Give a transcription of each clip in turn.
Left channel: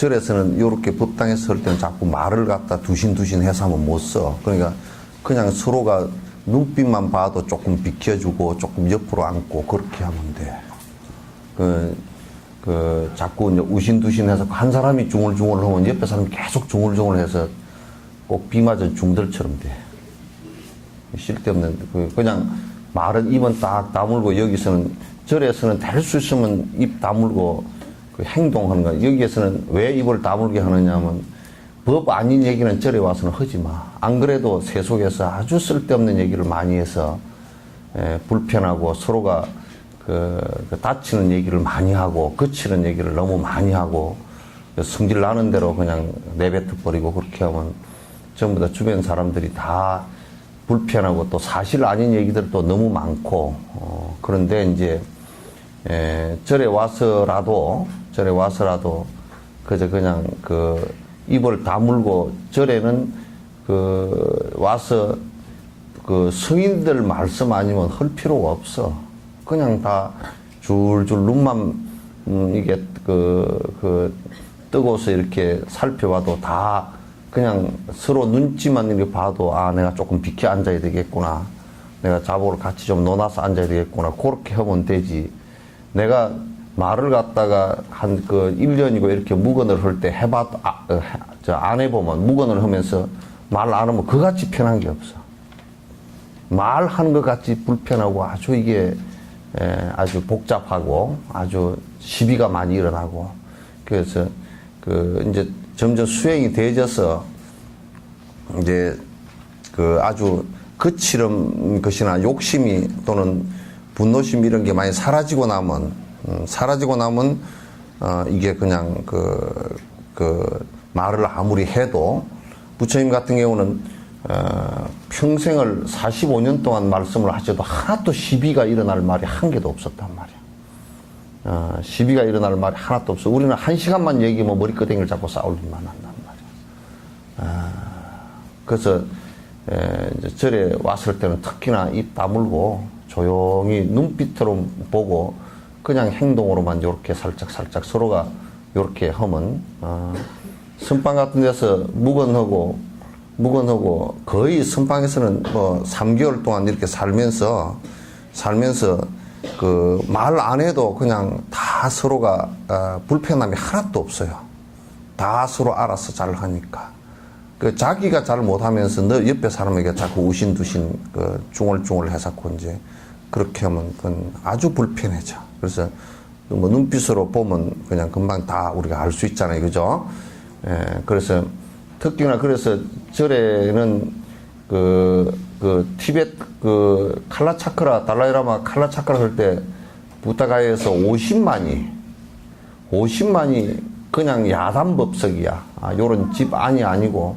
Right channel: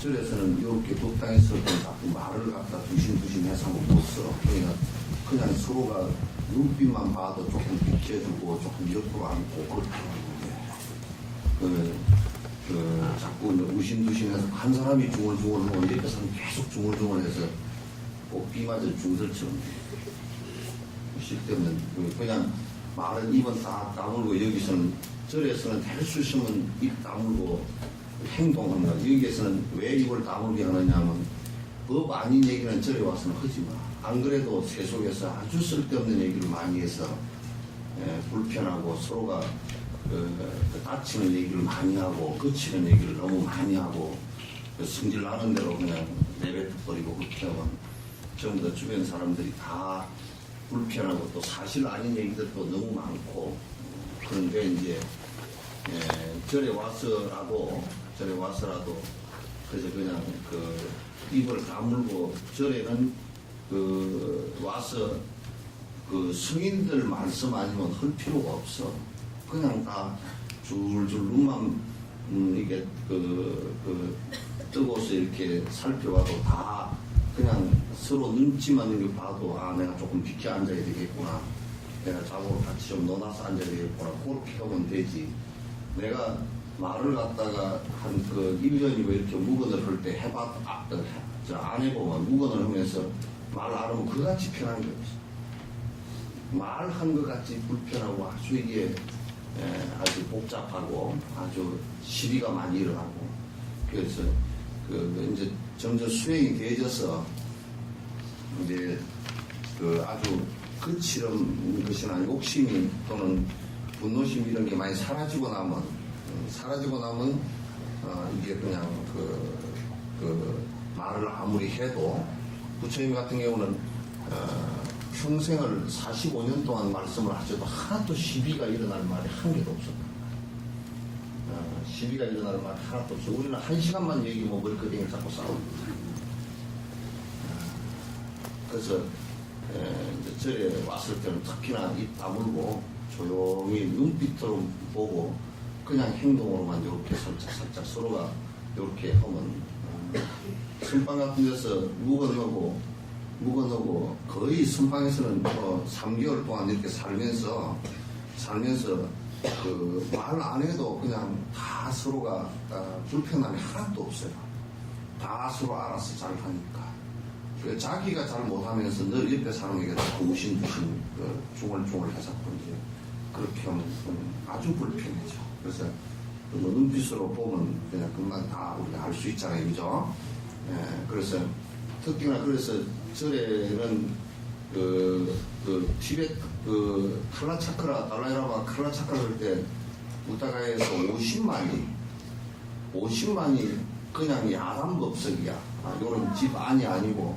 절에서는 이렇게 법당에 설 때는 자꾸 말을 갖다 두신두신 해서 하면 못 써. 그러니까 그냥 서로가 눈빛만 봐도 조금 비켜주고 조금 옆으로 앉고 그렇게 하면 돼. 자꾸 이제 우신두신해서 한 사람이 중얼중얼 하면 옆에 사람이 계속 중얼중얼 해서 꼭 비 맞은 중들처럼 돼. 쓸데없는, 그냥 말은 입은 딱 다물고 여기서는, 절에서는 될 수 있으면 입 다물고 행동하는 거야. 여기에서는 왜 입을 다물게 하느냐면 법 아닌 얘기는 절에 와서는 하지 마. 안 그래도 세속에서 아주 쓸데없는 얘기를 많이 해서 불편하고 서로가 다치는 얘기를 많이 하고 거치는 얘기를 너무 많이 하고 성질 나는 대로 그냥 내뱉어 버리고 그렇게 하면 전부 다 주변 사람들이 다 불편하고 또 사실 아닌 얘기들도 너무 많고 그런데 이제 절에 와서라도 그저 그냥 입을 다물고 절에는 와서 성인들 말씀 아니면 할 필요가 없어. 그냥 다 줄줄 눈만 이게 뜨고서 이렇게 살펴봐도 다 그냥 서로 눈치만 이렇게 봐도 내가 조금 비켜 앉아야 되겠구나. 내가 자복을 같이 좀 놓아서 앉아야 되겠구나. 그렇게 하면 되지. 내가 말을 갖다가 한 1년이고 이렇게 묵언을 할 때 해봐도 안 해보면 묵언을 하면서 말 안 하면 그같이 편한 게 없어. 말하는 것 같이 불편하고 아주 이게 아주 복잡하고 아주 시비가 많이 일어나고 그래서 이제 점점 수행이 되어져서 이제 아주 거칠은 것이나 욕심이 또는 분노심 이런 게 많이 사라지고 나면 이게 그냥 말을 아무리 해도 부처님 같은 경우는 평생을 45년 동안 말씀을 하셔도 하나도 시비가 일어날 말이 한 개도 없었단 말이야. 시비가 일어날 말이 하나도 없어. 우리는 1시간만 얘기하면 머리끄댕이를 잡고 싸울 일만 한단 말이야. 그래서 이제 절에 왔을 때는 특히나 입 다물고 조용히 눈빛으로 보고 그냥 행동으로만 이렇게 살짝 서로가 이렇게 하면 선방 같은 데서 묵언하고 거의 선방에서는 3개월 동안 이렇게 살면서 말 안 해도 그냥 다 서로가 불편함이 하나도 없어요. 다 서로 알아서 잘 하니까. 자기가 잘 못하면서 너 옆에 사람에게 자꾸 우신두신 중얼중얼 해서 이제 그렇게 하면 그건 아주 불편해져. 그래서 눈빛으로 보면 그냥 금방 다 우리가 알 수 있잖아요. 그죠? 그래서 특히나 그래서 절에는 티베트 칼라차크라 달라이라마 칼라차크라 할 때 부타가에서 50만이 그냥 야단법석이야. 요런 집 안이 아니고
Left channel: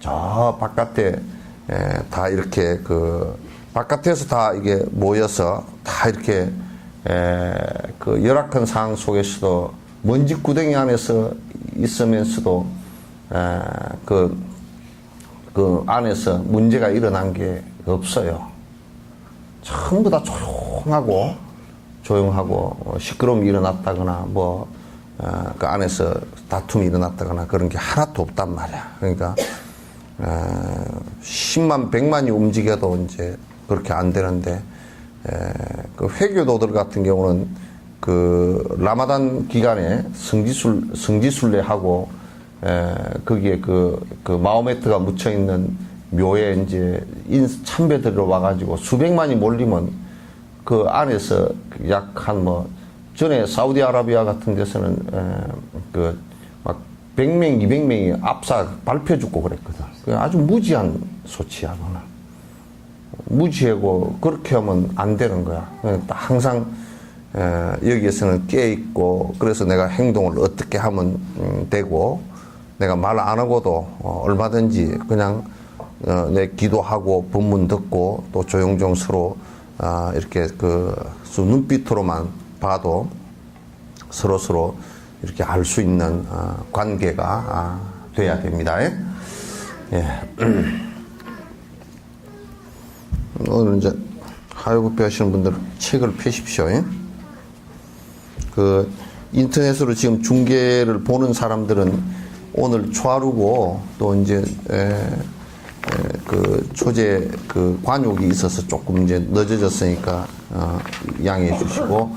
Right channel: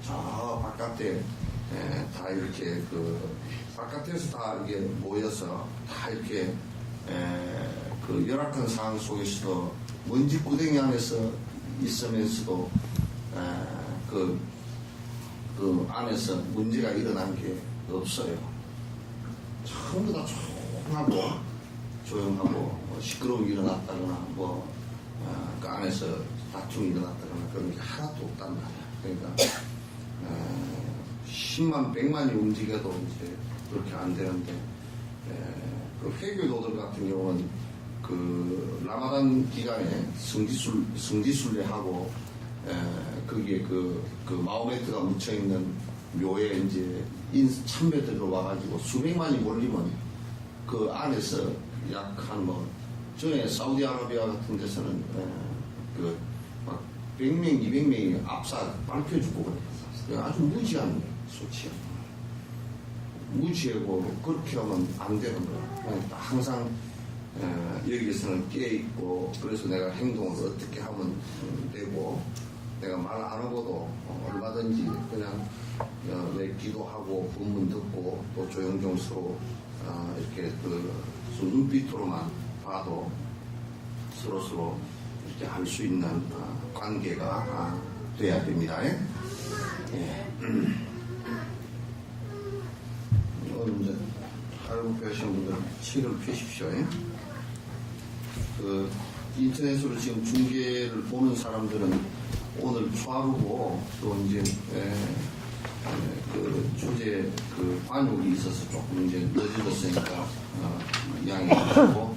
저 바깥에 다 이렇게 바깥에서 다 이게 모여서 다 이렇게 열악한 상황 속에서도 먼지 구덩이 안에서 있으면서도 그 안에서 문제가 일어난 게 없어요. 전부 다 조용하고 시끄러움이 일어났다거나 그 안에서 다툼이 일어났다거나 그런 게 하나도 없단 말이야. 그러니까 10만 100만이 움직여도 이제 그렇게 안 되는데 그 회교도들 같은 경우는 라마단 기간에 성지순례하고 거기에 마호메트가 묻혀 있는 묘에 이제 참배들로 와가지고 수백만이 몰리면 그 안에서 약 전에 사우디아라비아 같은 데서는 막 100명, 200명이 압사 발표 죽고 그랬거든. 아주 무지한 소치야, 그거는. 무지하고 그렇게 하면 안 되는 거야. 항상 여기에서는 깨있고 그래서 내가 행동을 어떻게 하면 되고 내가 말 안 하고도 얼마든지 그냥 내 기도하고 법문 듣고 또 조용조용 서로 이렇게 눈빛으로만 봐도 서로 이렇게 알 수 있는 관계가 돼야 됩니다. 예. 오늘 이제 하요법배 하시는 분들 책을 펴십시오. 인터넷으로 지금 중계를 보는 사람들은 오늘 초하루고 또 이제 그 초제 그 관욕이 있어서 조금 이제 늦어졌으니까 양해해 주시고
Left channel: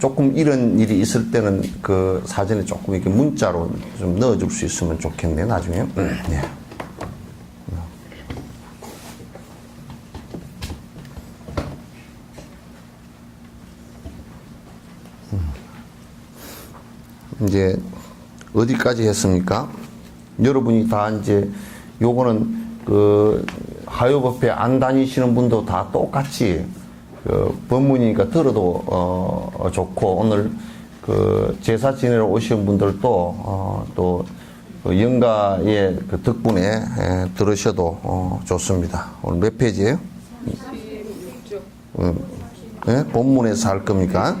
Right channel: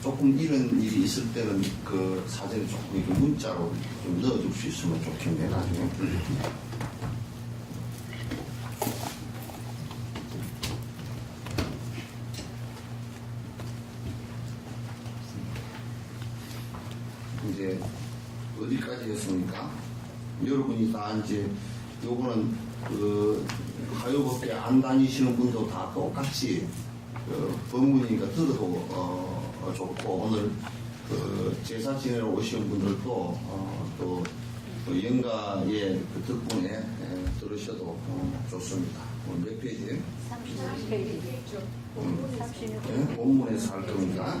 조금 이런 일이 있을 때는 그 사전에 조금 이렇게 문자로 좀 넣어줄 수 있으면 좋겠네 나중에. 네. 이제 어디까지 했습니까? 여러분이 다 이제 요거는 그 하요법회 안 다니시는 분도 다 똑같이 그 법문이니까 들어도 좋고 오늘 그 제사 지내러 오신 분들도 또 영가의 그 덕분에 들으셔도 좋습니다. 오늘 몇 페이지예요? 네? 본문에서 할 겁니까?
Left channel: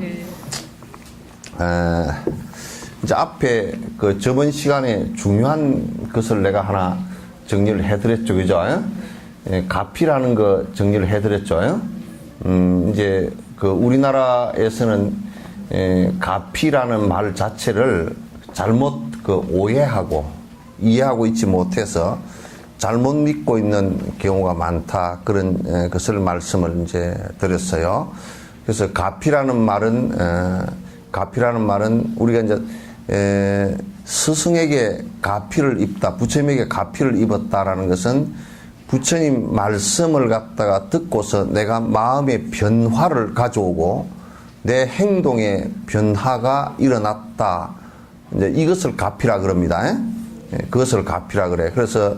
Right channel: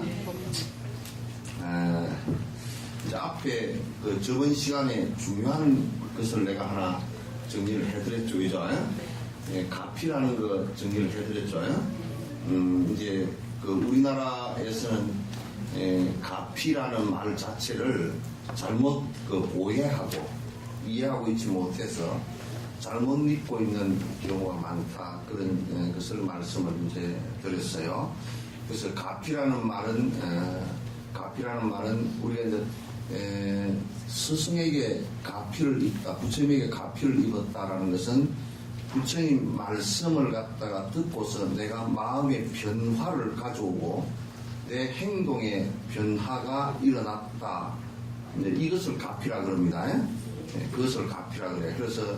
이제 앞에 그 저번 시간에 중요한 것을 내가 하나 정리를 해드렸죠, 그죠? 가피라는 거 정리를 해드렸죠. 이제 그 우리나라에서는 가피라는 말 자체를 잘못 그 오해하고 이해하고 있지 못해서 잘못 믿고 있는 경우가 많다 그런 것을 말씀을 이제 드렸어요. 그래서 가피라는 말은 우리가 이제 스승에게 가피를 입다, 부처님에게 가피를 입었다라는 것은 부처님 말씀을 갖다가 듣고서 내가 마음의 변화를 가져오고 내 행동의 변화가 일어났다. 이제 이것을 가피라 그럽니다. 그것을 가피라 그래. 그래서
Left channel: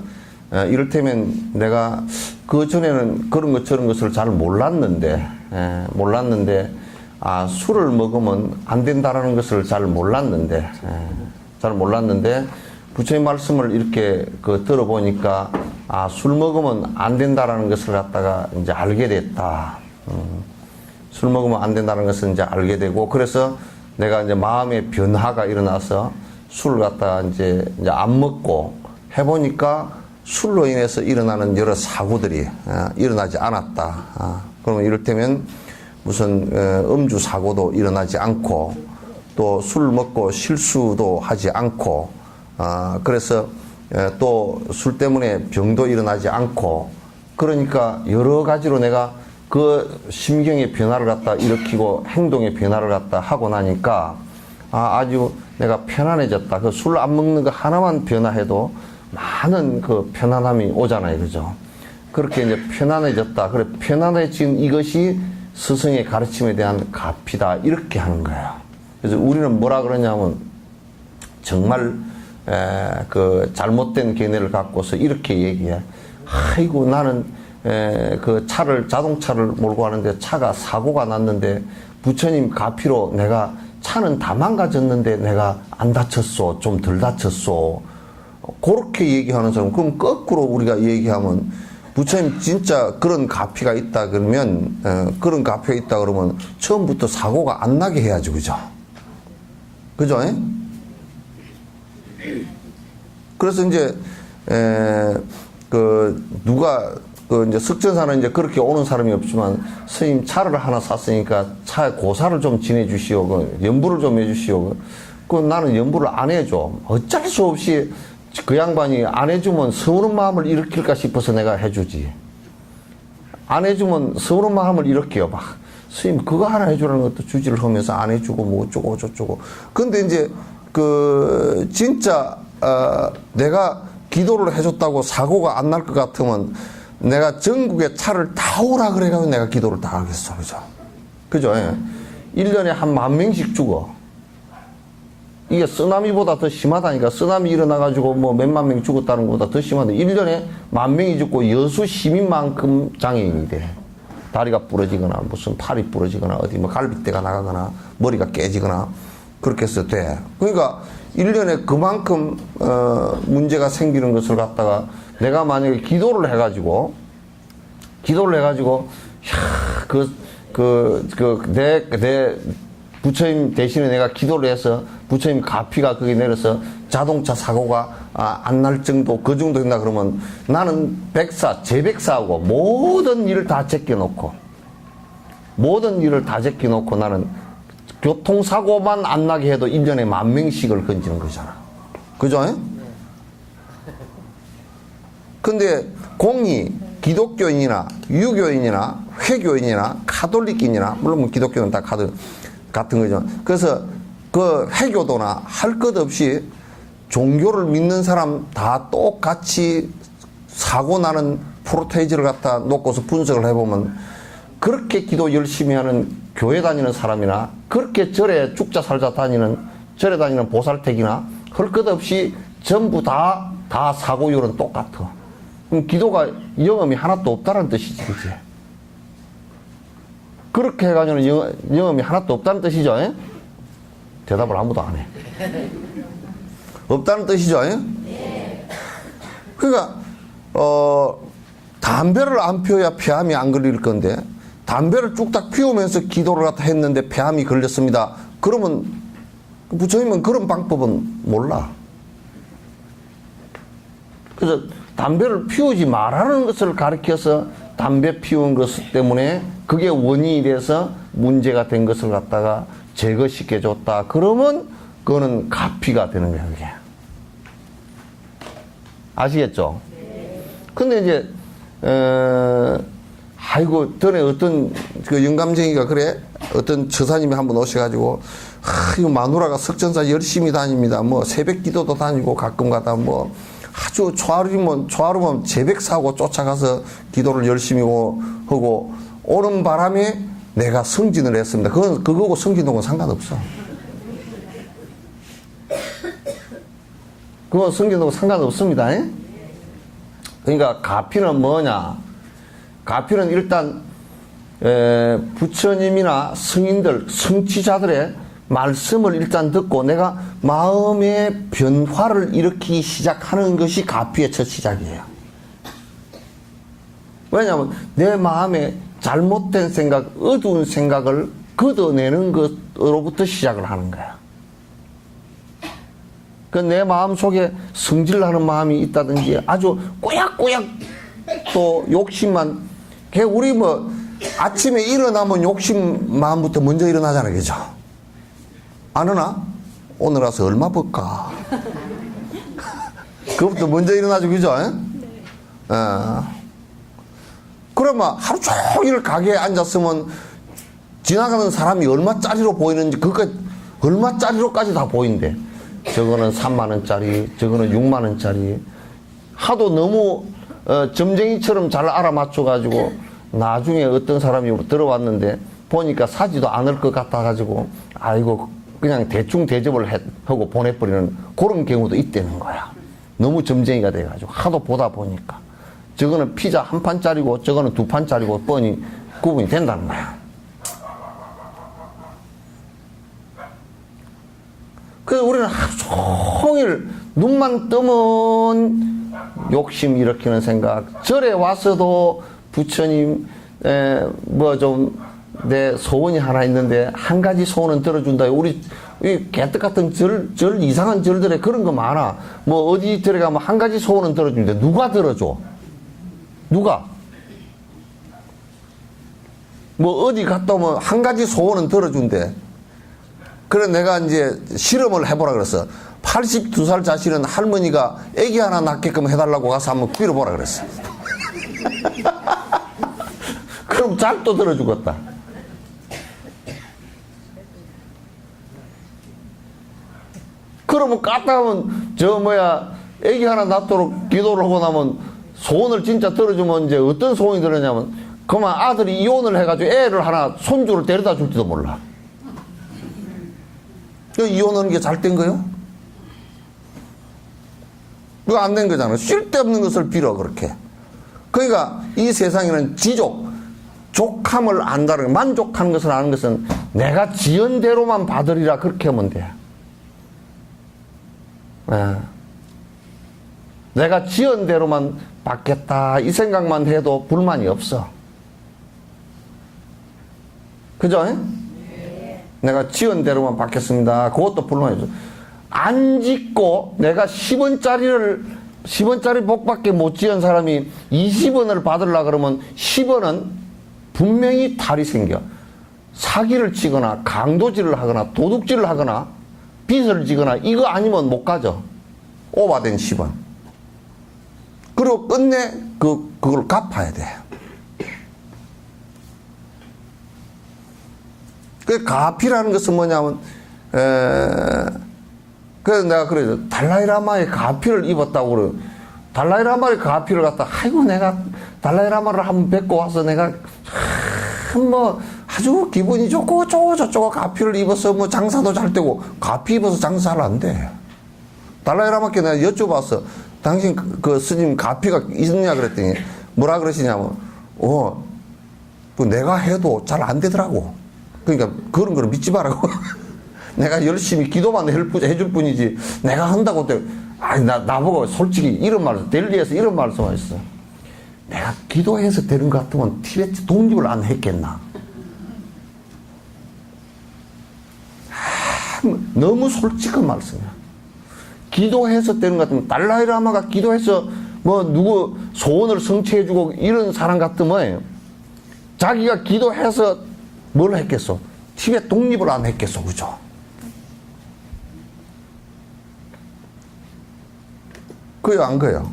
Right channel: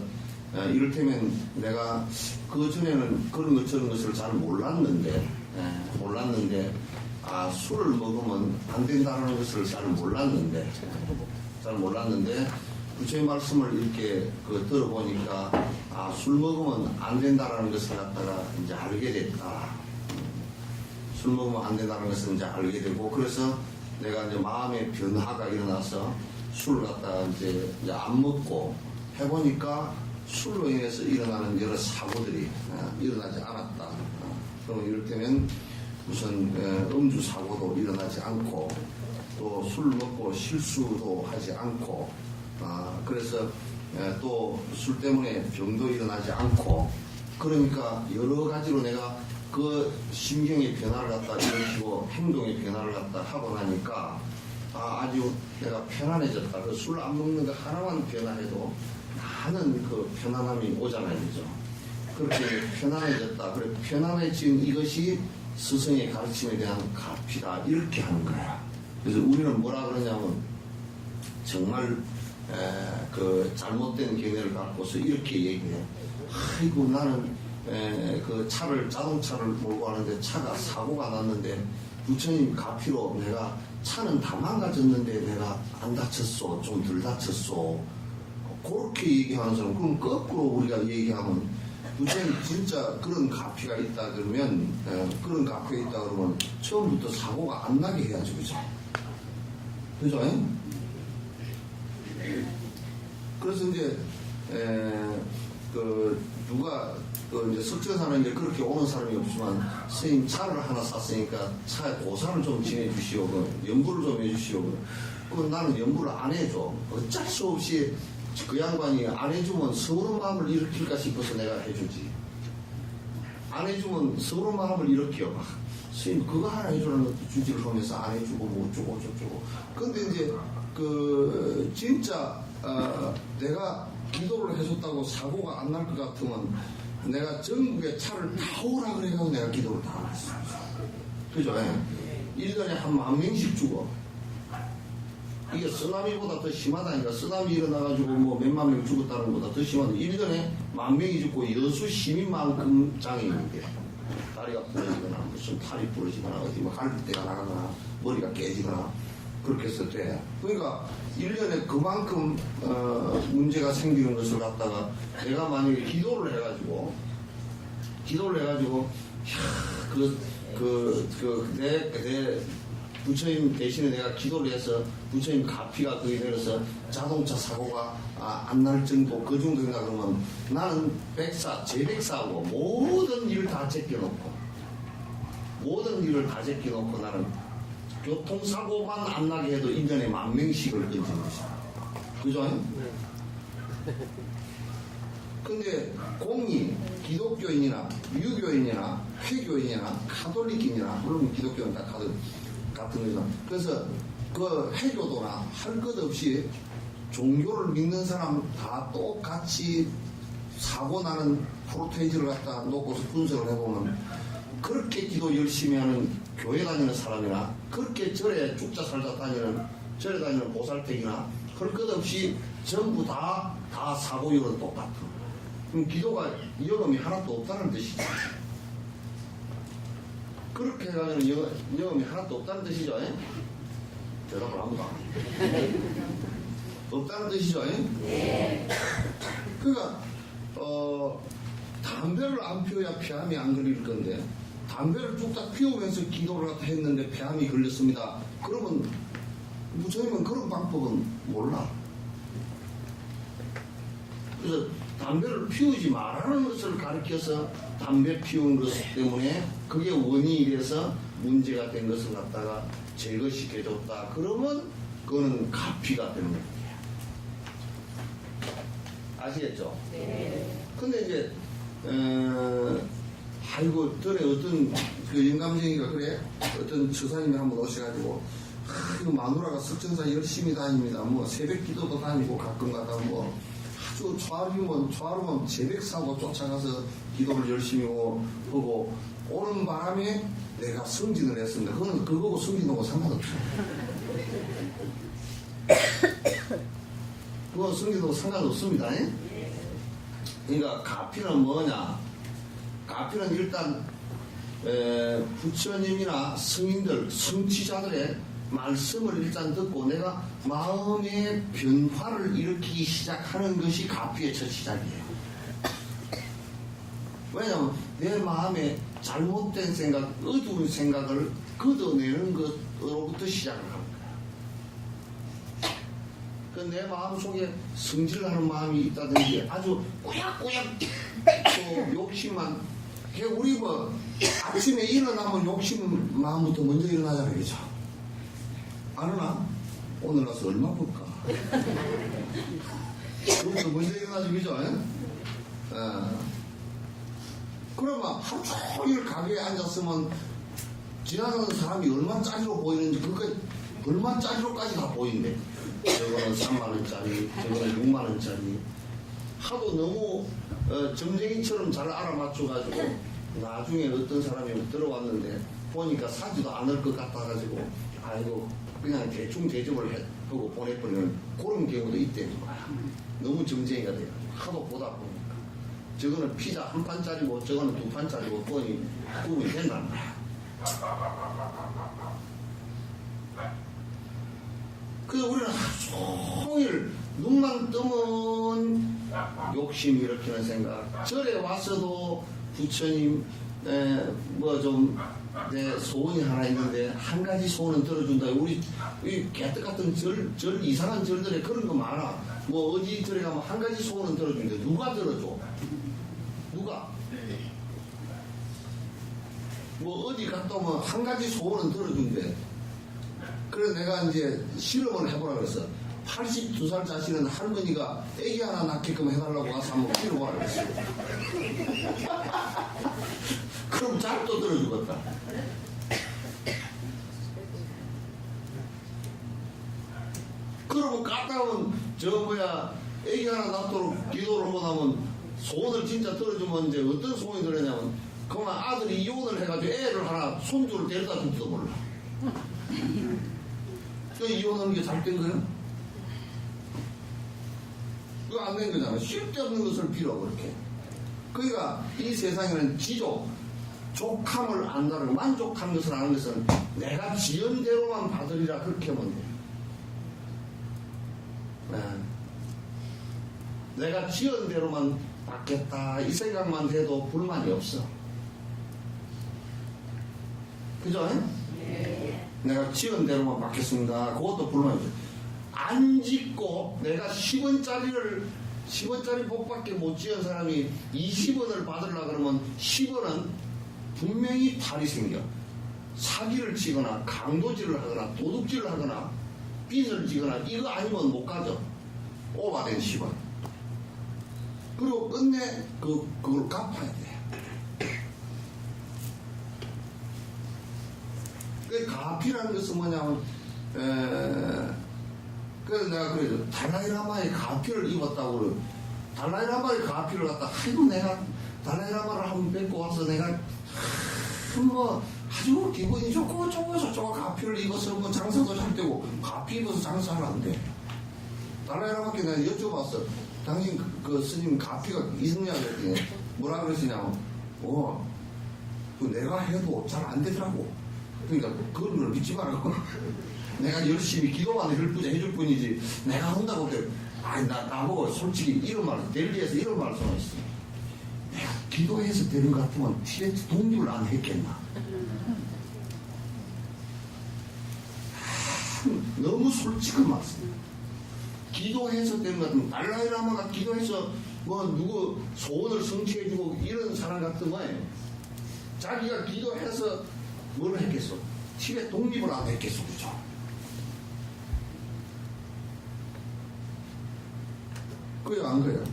이를테면 내가 그 전에는 그런 것 저런 것을 잘 몰랐는데 술을 먹으면 안 된다는 것을 잘 몰랐는데 부처님 말씀을 이렇게 들어보니까 술 먹으면 안 된다는 것을 갖다가 이제 알게 됐다. 술 먹으면 안 된다는 것을 이제 알게 되고 그래서 내가 이제 마음의 변화가 일어나서 술을 갖다가 이제 안 먹고 해보니까 술로 인해서 일어나는 여러 사고들이 일어나지 않았다. 그러면 이를테면 무슨 음주 사고도 일어나지 않고 또 술 먹고 실수도 하지 않고 그래서 또 술 때문에 병도 일어나지 않고 그러니까 여러 가지로 내가 그 심경의 변화를 갖다 일으키고 행동의 변화를 갖다 하고 나니까 아주 내가 편안해졌다. 그 술 안 먹는 거 하나만 변화해도 많은 그 편안함이 오잖아요, 그죠? 그렇게 이제 편안해졌다. 그래 편안해진 이것이 스승의 가르침에 대한 가피다 이렇게 하는 거예요. 그래서 우리는 뭐라 그러냐면 정말 그 잘못된 견해를 갖고서 이렇게 얘기해. 아이고 나는 그 자동차를 몰고 가는데 차가 사고가 났는데 부처님 가피로 내가 차는 다 망가졌는데 내가 안 다쳤어, 좀 덜 다쳤어. 그렇게 얘기하는 사람. 그럼 거꾸로 우리가 얘기하면 부처님 진짜 그런 가피가 있다 그러면 그런 가피가 있다 그러면 처음부터 사고가 안 나게 해야지, 그죠? 그죠? 그래서 이제 누가 이제 석전사는 이제 그렇게 오는 사람이 없지만 스님 차를 하나 샀으니까 차에 고사를 좀 지내주시오, 연부를 좀 해주시오. 나는 연부를 안 해줘. 어쩔 수 없이 그 양반이 안 해주면 서운한 마음을 일으킬까 싶어서 내가 해주지. 안 해주면 서운한 마음을 일으켜요. 막 스님 그거 하나 해주라는 것도 주지를 하면서 안 해주고 뭐 어쩌고 저쩌고. 근데 이제 진짜 내가 기도를 해줬다고 사고가 안 날 것 같으면 내가 전국에 차를 다 오라 그래가지고 내가 기도를 다 하겠어, 그죠? 1년에 한 10,000명씩 죽어. 이게 쓰나미보다 더 심하다니까. 쓰나미 일어나가지고 뭐 몇만 명 죽었다는 것보다 더 심한데 1년에 10,000명이 죽고 여수 시민만큼 장애인이 돼. 다리가 부러지거나 무슨 팔이 부러지거나 어디 뭐 갈비뼈가 나가거나 머리가 깨지거나 그렇게 해서 돼. 그러니까 1년에 그만큼 문제가 생기는 것을 갖다가 내가 만약에 기도를 해가지고 내 부처님 대신에 내가 기도를 해서 부처님 가피가 거기 내려서 자동차 사고가 안 날 정도 그 정도 된다 그러면 나는 제백사하고 모든 일을 다 제껴놓고 나는 교통사고만 안 나게 해도 1년에 10,000명씩을 건지는 거잖아. 그죠? 근데 공이 기독교인이나 유교인이나 회교인이나 카톨릭인이나 물론 뭐 기독교는 다 같은 거죠. 그래서 그 회교도나 할 것 없이 종교를 믿는 사람 다 똑같이 사고 나는 프로테이지를 갖다 놓고서 분석을 해보면 그렇게 기도 열심히 하는 교회 다니는 사람이나 그렇게 절에 죽자 살자 절에 다니는 보살택이나 할 것 없이 전부 다 사고율은 똑같아. 그럼 기도가 영험이 하나도 없다는 뜻이지, 그치? 그렇게 해가지고는 영험이 하나도 없다는 뜻이죠, 에? 대답을 아무도 안 해. 없다는 뜻이죠, 에? 그러니까, 담배를 안 피워야 폐암이 안 걸릴 건데, 담배를 뚝딱 피우면서 기도를 갖다 했는데 폐암이 걸렸습니다. 그러면, 부처님은 그런 방법은 몰라. 그래서 담배를 피우지 말라는 것을 가르쳐서 담배 피운 것 때문에 그게 원인이 돼서 문제가 된 것을 갖다가 제거시켜 줬다. 그러면 그거는 가피가 되는 거야, 그게. 아시겠죠? 근데 이제, 아이고, 전에 어떤 그 영감쟁이가 그래? 어떤 처사님이 한번 오셔가지고, 이거 마누라가 석전사 열심히 다닙니다. 뭐 새벽 기도도 다니고 가끔 가다 뭐 아주 초하루면 제백 사고 쫓아가서 기도를 열심히 하고 오는 바람에 내가 승진을 했습니다. 그거하고 승진하고는 상관없어. 그거 승진하고 상관없습니다. 에? 그러니까 가피는 뭐냐? 가피는 일단 부처님이나 승인들, 성취자들의 말씀을 일단 듣고 내가 마음의 변화를 일으키기 시작하는 것이 가피의 첫 시작이에요. 왜냐하면 내 마음에 잘못된 생각, 어두운 생각을 걷어내는 것으로부터 시작을 하는 거야. 그 내 마음 속에 성질나는 마음이 있다든지 아주 꼬약꼬약 또 욕심만, 우리 뭐 아침에 일어나면 욕심 마음부터 먼저 일어나잖아요, 그죠? 안 오나? 오늘 와서 얼마 벌까? 그것부터 먼저 일어나죠, 그죠? 그러면 하루 종일 가게에 앉았으면 지나가는 사람이 얼마짜리로 보이는지, 그거 얼마짜리로까지 다 보인대. 저거는 3만원짜리, 저거는 6만원짜리. 하도 너무 점쟁이처럼 잘 알아맞혀가지고 나중에 어떤 사람이 들어왔는데 보니까 사지도 않을 것 같아가지고 아이고 그냥 대충 대접을 하고 보내버리는 그런 경우도 있다는 거야. 너무 점쟁이가 돼가지고 하도 보다 보니까 저거는 피자 한 판짜리고 저거는 2판짜리고 뻔히 구분이 된다는 거야. 그래서 우리는 하루 종일 눈만 뜨면 욕심 일으키는 생각, 절에 와서도 부처님 뭐 좀 내 소원이 하나 있는데 한 가지 소원은 들어준다. 우리 이 개떡 같은 절 이상한 절들에 그런 거 많아. 뭐 어디 들어가면 한 가지 소원은 들어준대. 누가 들어줘? 누가? 뭐 어디 갔다 오면 한 가지 소원은 들어준대. 그래 내가 이제 실험을 해보라 그랬어. 82살 자신은 할머니가 애기 하나 낳게끔 해달라고 가서 한번 빌어보라 그랬어. 그럼 짝도 들어주겠다. 그러면 까딱하면 애기 하나 낳도록 기도를 하고 나면 소원을 진짜 들어주면 이제 어떤 소원이 들었냐면 그만 아들이 이혼을 해가지고 애를 하나 손주를 데려다 줄지도 몰라. 이혼하는 게 잘 된 거요? 그거 안 된 거잖아. 쓸데없는 것을 빌어 그렇게. 그러니까 이 세상에는 족함을 안다는, 만족하는 것을 아는 것은 내가 지은 대로만 받으리라 그렇게 하면 돼. 내가 지은 대로만 받겠다 이 생각만 해도 불만이 없어. 그죠? 내가 지은 대로만 받겠습니다. 그것도 불만이 없어. 안 짓고 내가 10원짜리 복밖에 못 지은 사람이 20원을 받으려고 그러면 10원은 분명히 탈이 생겨. 사기를 치거나 강도질을 하거나 도둑질을 하거나 빚을 지거나 이거 아니면 못 가죠. 오바된 10원. 그리고 끝내 그걸 갚아야 돼. 그 가피라는 것은 뭐냐면 그래서 내가 그래서 달라이라마의 가피를 입었다고 그래요. 달라이라마의 가피를 갖다 아이고 내가 달라이라마를 한번 뵙고 와서 내가 뭐 아주 기분이 좋고 저쩌고 가피를 입어서 뭐 장사도 잘 되고 가피 입어서 장사 잘 안 돼. 달라이라마께 내가 여쭤봤어. 당신 그 스님 가피가 있느냐 그랬더니 뭐라 그러시냐면 그 내가 해도 잘 안 되더라고. 그러니까 그런 거를 믿지 말라고. 내가 열심히 기도만 해줄 뿐이지 내가 한다고 때 아니 나보고 솔직히 이런 말을 델리에서 이런 말씀하셨어. 내가 기도해서 되는 것 같으면 티베트 독립을 안 했겠나. 너무 솔직한 말씀이야. 기도해서 되는 것 같으면 달라이라마가 기도해서 뭐 누구 소원을 성취해주고 이런 사람 같으면 자기가 기도해서 뭘 했겠어? 티베트 독립을 안 했겠어, 그죠? 그요, 안 그요?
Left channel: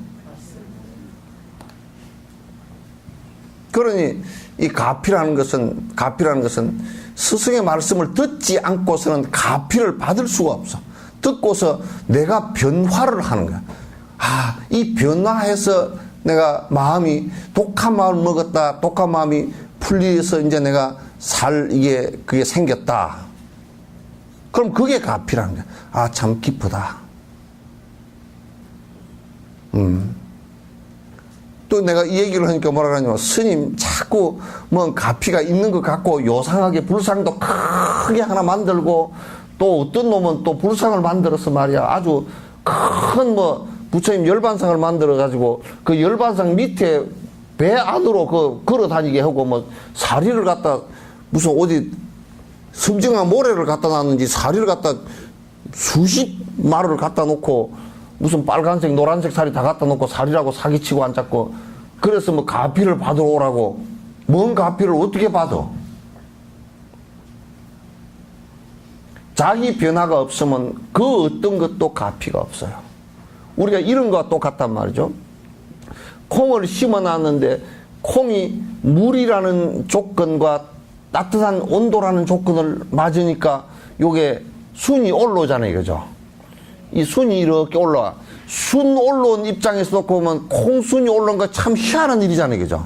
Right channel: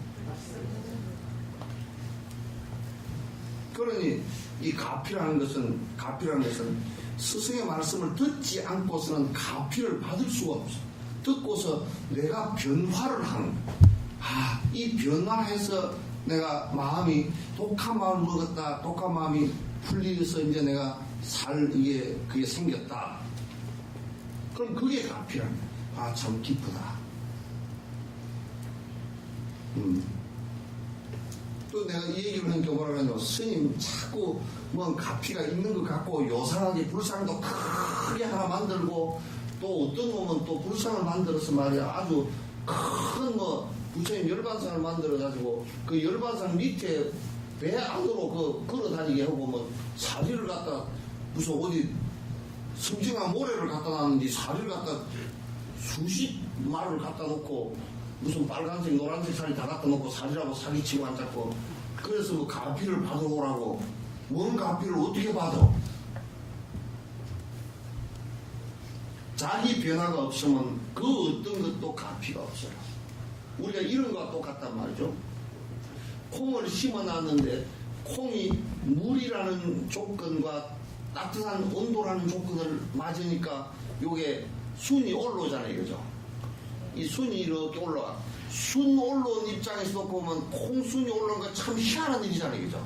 그러니 이 가피라는 것은 스승의 말씀을 듣지 않고서는 가피를 받을 수가 없어. 듣고서 내가 변화를 하는 거야. 아, 이 변화해서 내가 마음이 독한 마음을 먹었다. 독한 마음이 풀려서 이제 내가 그게 생겼다. 그럼 그게 가피라는 거야. 아, 참 기쁘다. 또 내가 이 얘기를 하니까 뭐라 그러냐면 스님 자꾸 뭐 가피가 있는 것 같고 요상하게 불상도 크게 하나 만들고 또 어떤 놈은 또 불상을 만들어서 말이야 아주 큰 뭐 부처님 열반상을 만들어 가지고 그 열반상 밑에 배 안으로 걸어 다니게 하고 뭐 사리를 갖다 무슨 어디 섬정한 모래를 갖다 놨는지 사리를 갖다 수십 마루를 갖다 놓고 무슨 빨간색 노란색 사리 다 갖다 놓고 사리라고 사기치고 앉았고 그래서 뭐 가피를 받으러 오라고. 뭔 가피를 어떻게 받아? 자기 변화가 없으면 그 어떤 것도 가피가 없어요. 우리가 이런 거와 똑같단 말이죠. 콩을 심어놨는데 콩이 물이라는 조건과 따뜻한 온도라는 조건을 맞으니까 요게 순이 올라오잖아요, 그죠? 이 순이 이렇게 올라와. 순 올라온 입장에서 놓고 보면 콩순이 올라온 거 참 희한한 일이잖아요, 그죠?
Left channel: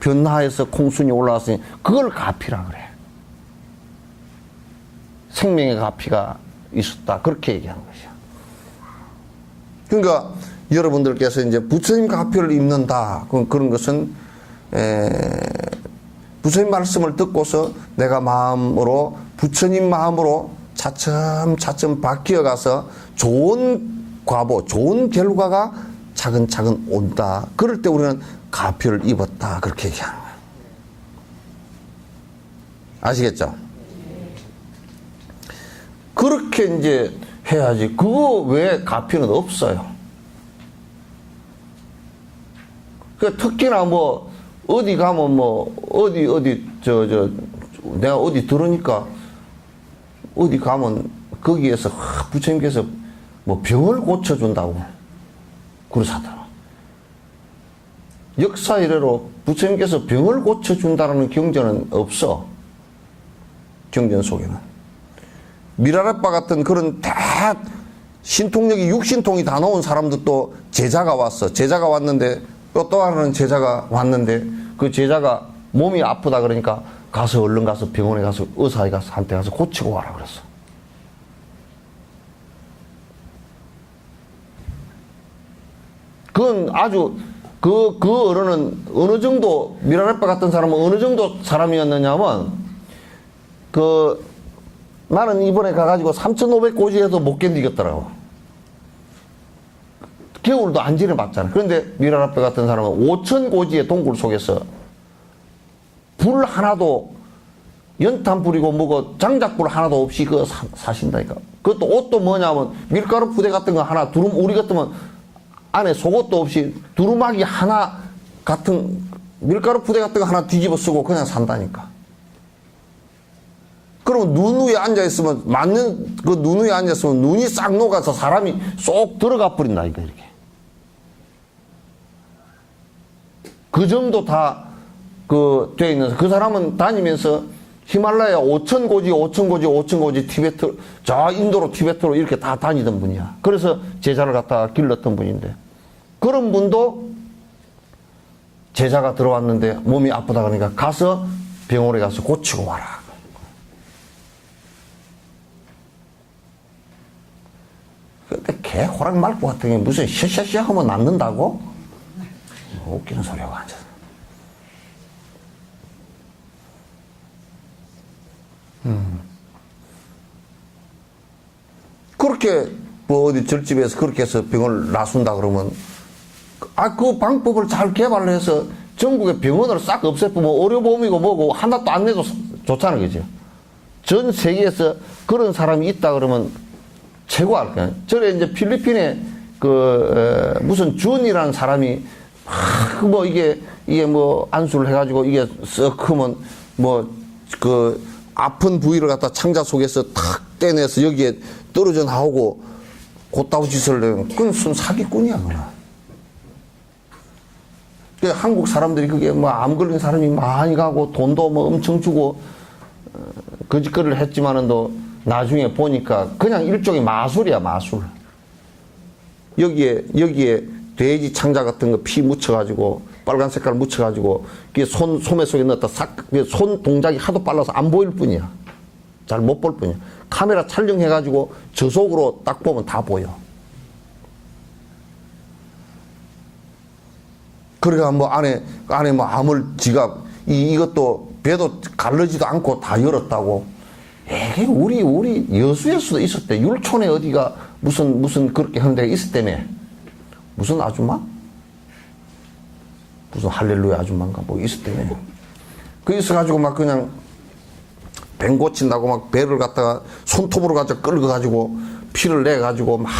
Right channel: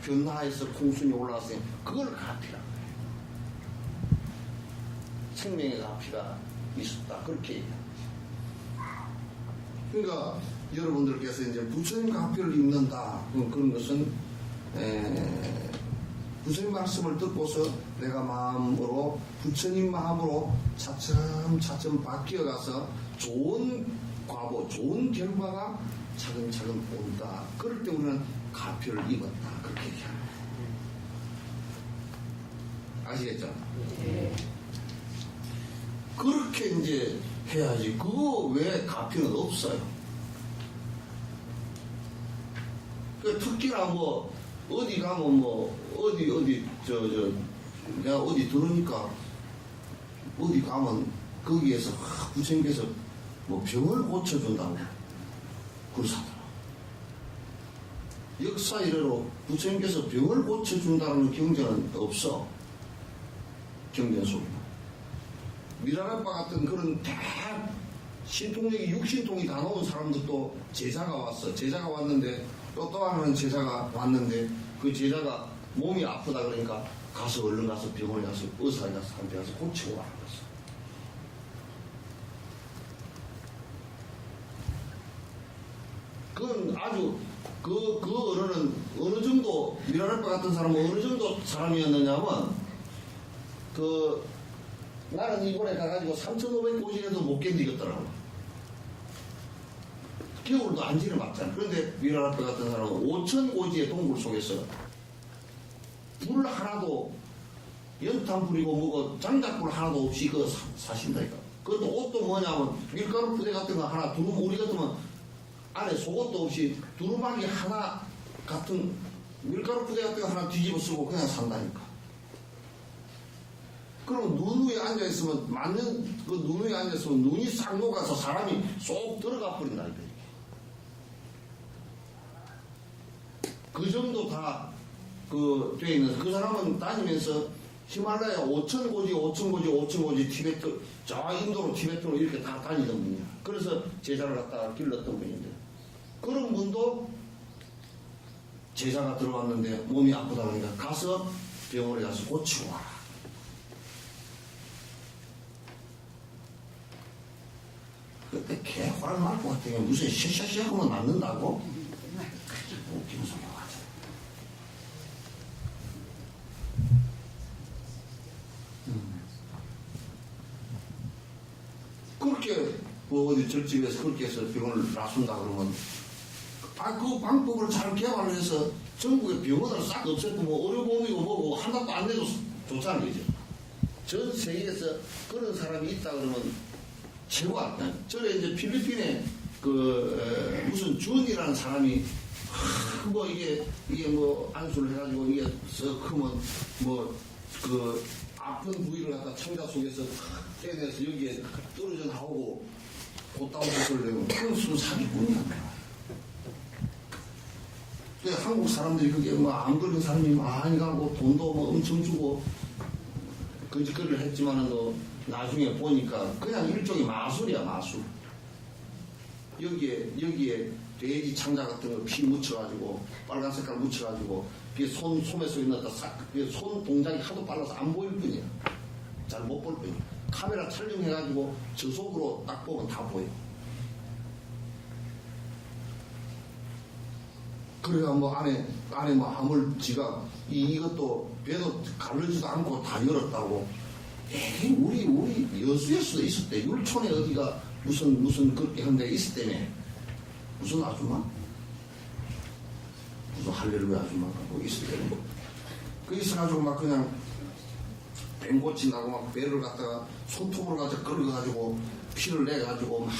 변화해서 콩순이 올라왔으니 그걸 가피라 그래. 생명의 가피가 있었다. 그렇게 얘기하는 것이야. 그러니까 여러분들께서 이제 부처님 가피를 입는다. 그런 것은 부처님 말씀을 듣고서 내가 마음으로 부처님 마음으로 차츰차츰 바뀌어가서 좋은 과보, 좋은 결과가 차근차근 온다. 그럴 때 우리는 가피를 입었다. 그렇게 얘기하는 거예요. 아시겠죠? 그렇게 이제 해야지. 그거 외에 가피는 없어요. 그 특히나 뭐 어디 가면 뭐 내가 어디 들으니까 어디 가면 거기에서 부처님께서 뭐 병을 고쳐준다고 그러사더라. 역사 이래로 부처님께서 병을 고쳐준다는 경전은 없어. 경전 속에는. 미라레빠 같은 그런 다 신통력이 육신통이 다 나온 사람들도 제자가 왔어. 제자가 왔는데 또 하나는 제자가 왔는데 그 제자가 몸이 아프다 그러니까 가서 얼른 가서 병원에 가서 의사한테 가서 고치고 와라 그랬어. 그건 아주 그 어른은 어느 정도 미라레빠 같은 사람은 어느 정도 사람이었느냐면 나는 이번에 가가지고 3,500고지에서 못 견디겠더라고. 겨울도 안 지내봤잖아. 그런데 미라레빠 같은 사람은 5,000고지의 동굴 속에서 불 하나도 연탄 불이고 뭐고 장작불 하나도 없이 사신다니까. 그것도 옷도 뭐냐면 밀가루 부대 같은 거 하나 우리 같으면 안에 속옷도 없이 두루마기 하나 같은 밀가루 부대 같은 거 하나 뒤집어 쓰고 그냥 산다니까. 그러면 눈 위에 앉아있으면, 맞는 그 눈 위에 앉아있으면 눈이 싹 녹아서 사람이 쏙 들어가 버린다, 이렇게. 그 정도 다, 돼 있는, 그 사람은 다니면서 히말라야 5,000고지 티베트, 저 인도로 티베트로 이렇게 다 다니던 분이야. 그래서 제자를 갖다가 길렀던 분인데. 그런 분도 제자가 들어왔는데 몸이 아프다 그러니까 가서 병원에 가서 고치고 와라. 근데 개 호랑 말고 같은 게 무슨 셔셔셔 하면 낫는다고? 웃기는 소리하고 앉아. 그렇게 뭐 어디 절집에서 그렇게 해서 병을 놔순다 그러면 그 방법을 잘 개발해서 전국의 병원을 싹 없애고 뭐 의료보험이고 뭐고 하나도 안 내도 좋잖아, 그죠? 전 세계에서 그런 사람이 있다 그러면 최고 할까요? 전에 이제 필리핀에 무슨 준이라는 사람이 뭐 이게 뭐 안수를 해가지고 이게 썩 크면 뭐 아픈 부위를 갖다 창자 속에서 탁 떼내서 여기에 떨어져 나오고 곧다운 짓을 내면 그건 순 사기꾼이야, 그건. 한국 사람들이 그게 뭐 암 걸린 사람이 많이 가고 돈도 뭐 엄청 주고 거짓거리를 했지만은 또 나중에 보니까 그냥 일종의 마술이야, 마술. 여기에 돼지 창자 같은 거 피 묻혀가지고 빨간 색깔 묻혀가지고 그게 소매 속에 넣었다 손 동작이 하도 빨라서 안 보일 뿐이야. 잘 못 볼 뿐이야. 카메라 촬영해가지고 저속으로 딱 보면 다 보여. 그러니까 뭐 안에 뭐 암을 지가 이것도 배도 갈르지도 않고 다 열었다고. 에게 우리 여수에서도 있었대. 율촌에 어디가 무슨 그렇게 하는 데가 있었다며. 무슨 아줌마? 무슨 할렐루야 아줌마인가 뭐 있었다며. 그 있어가지고 막 그냥 뱀 고친다고 막 배를 갖다가 손톱으로 가지고 끌어가지고 피를 내가지고 막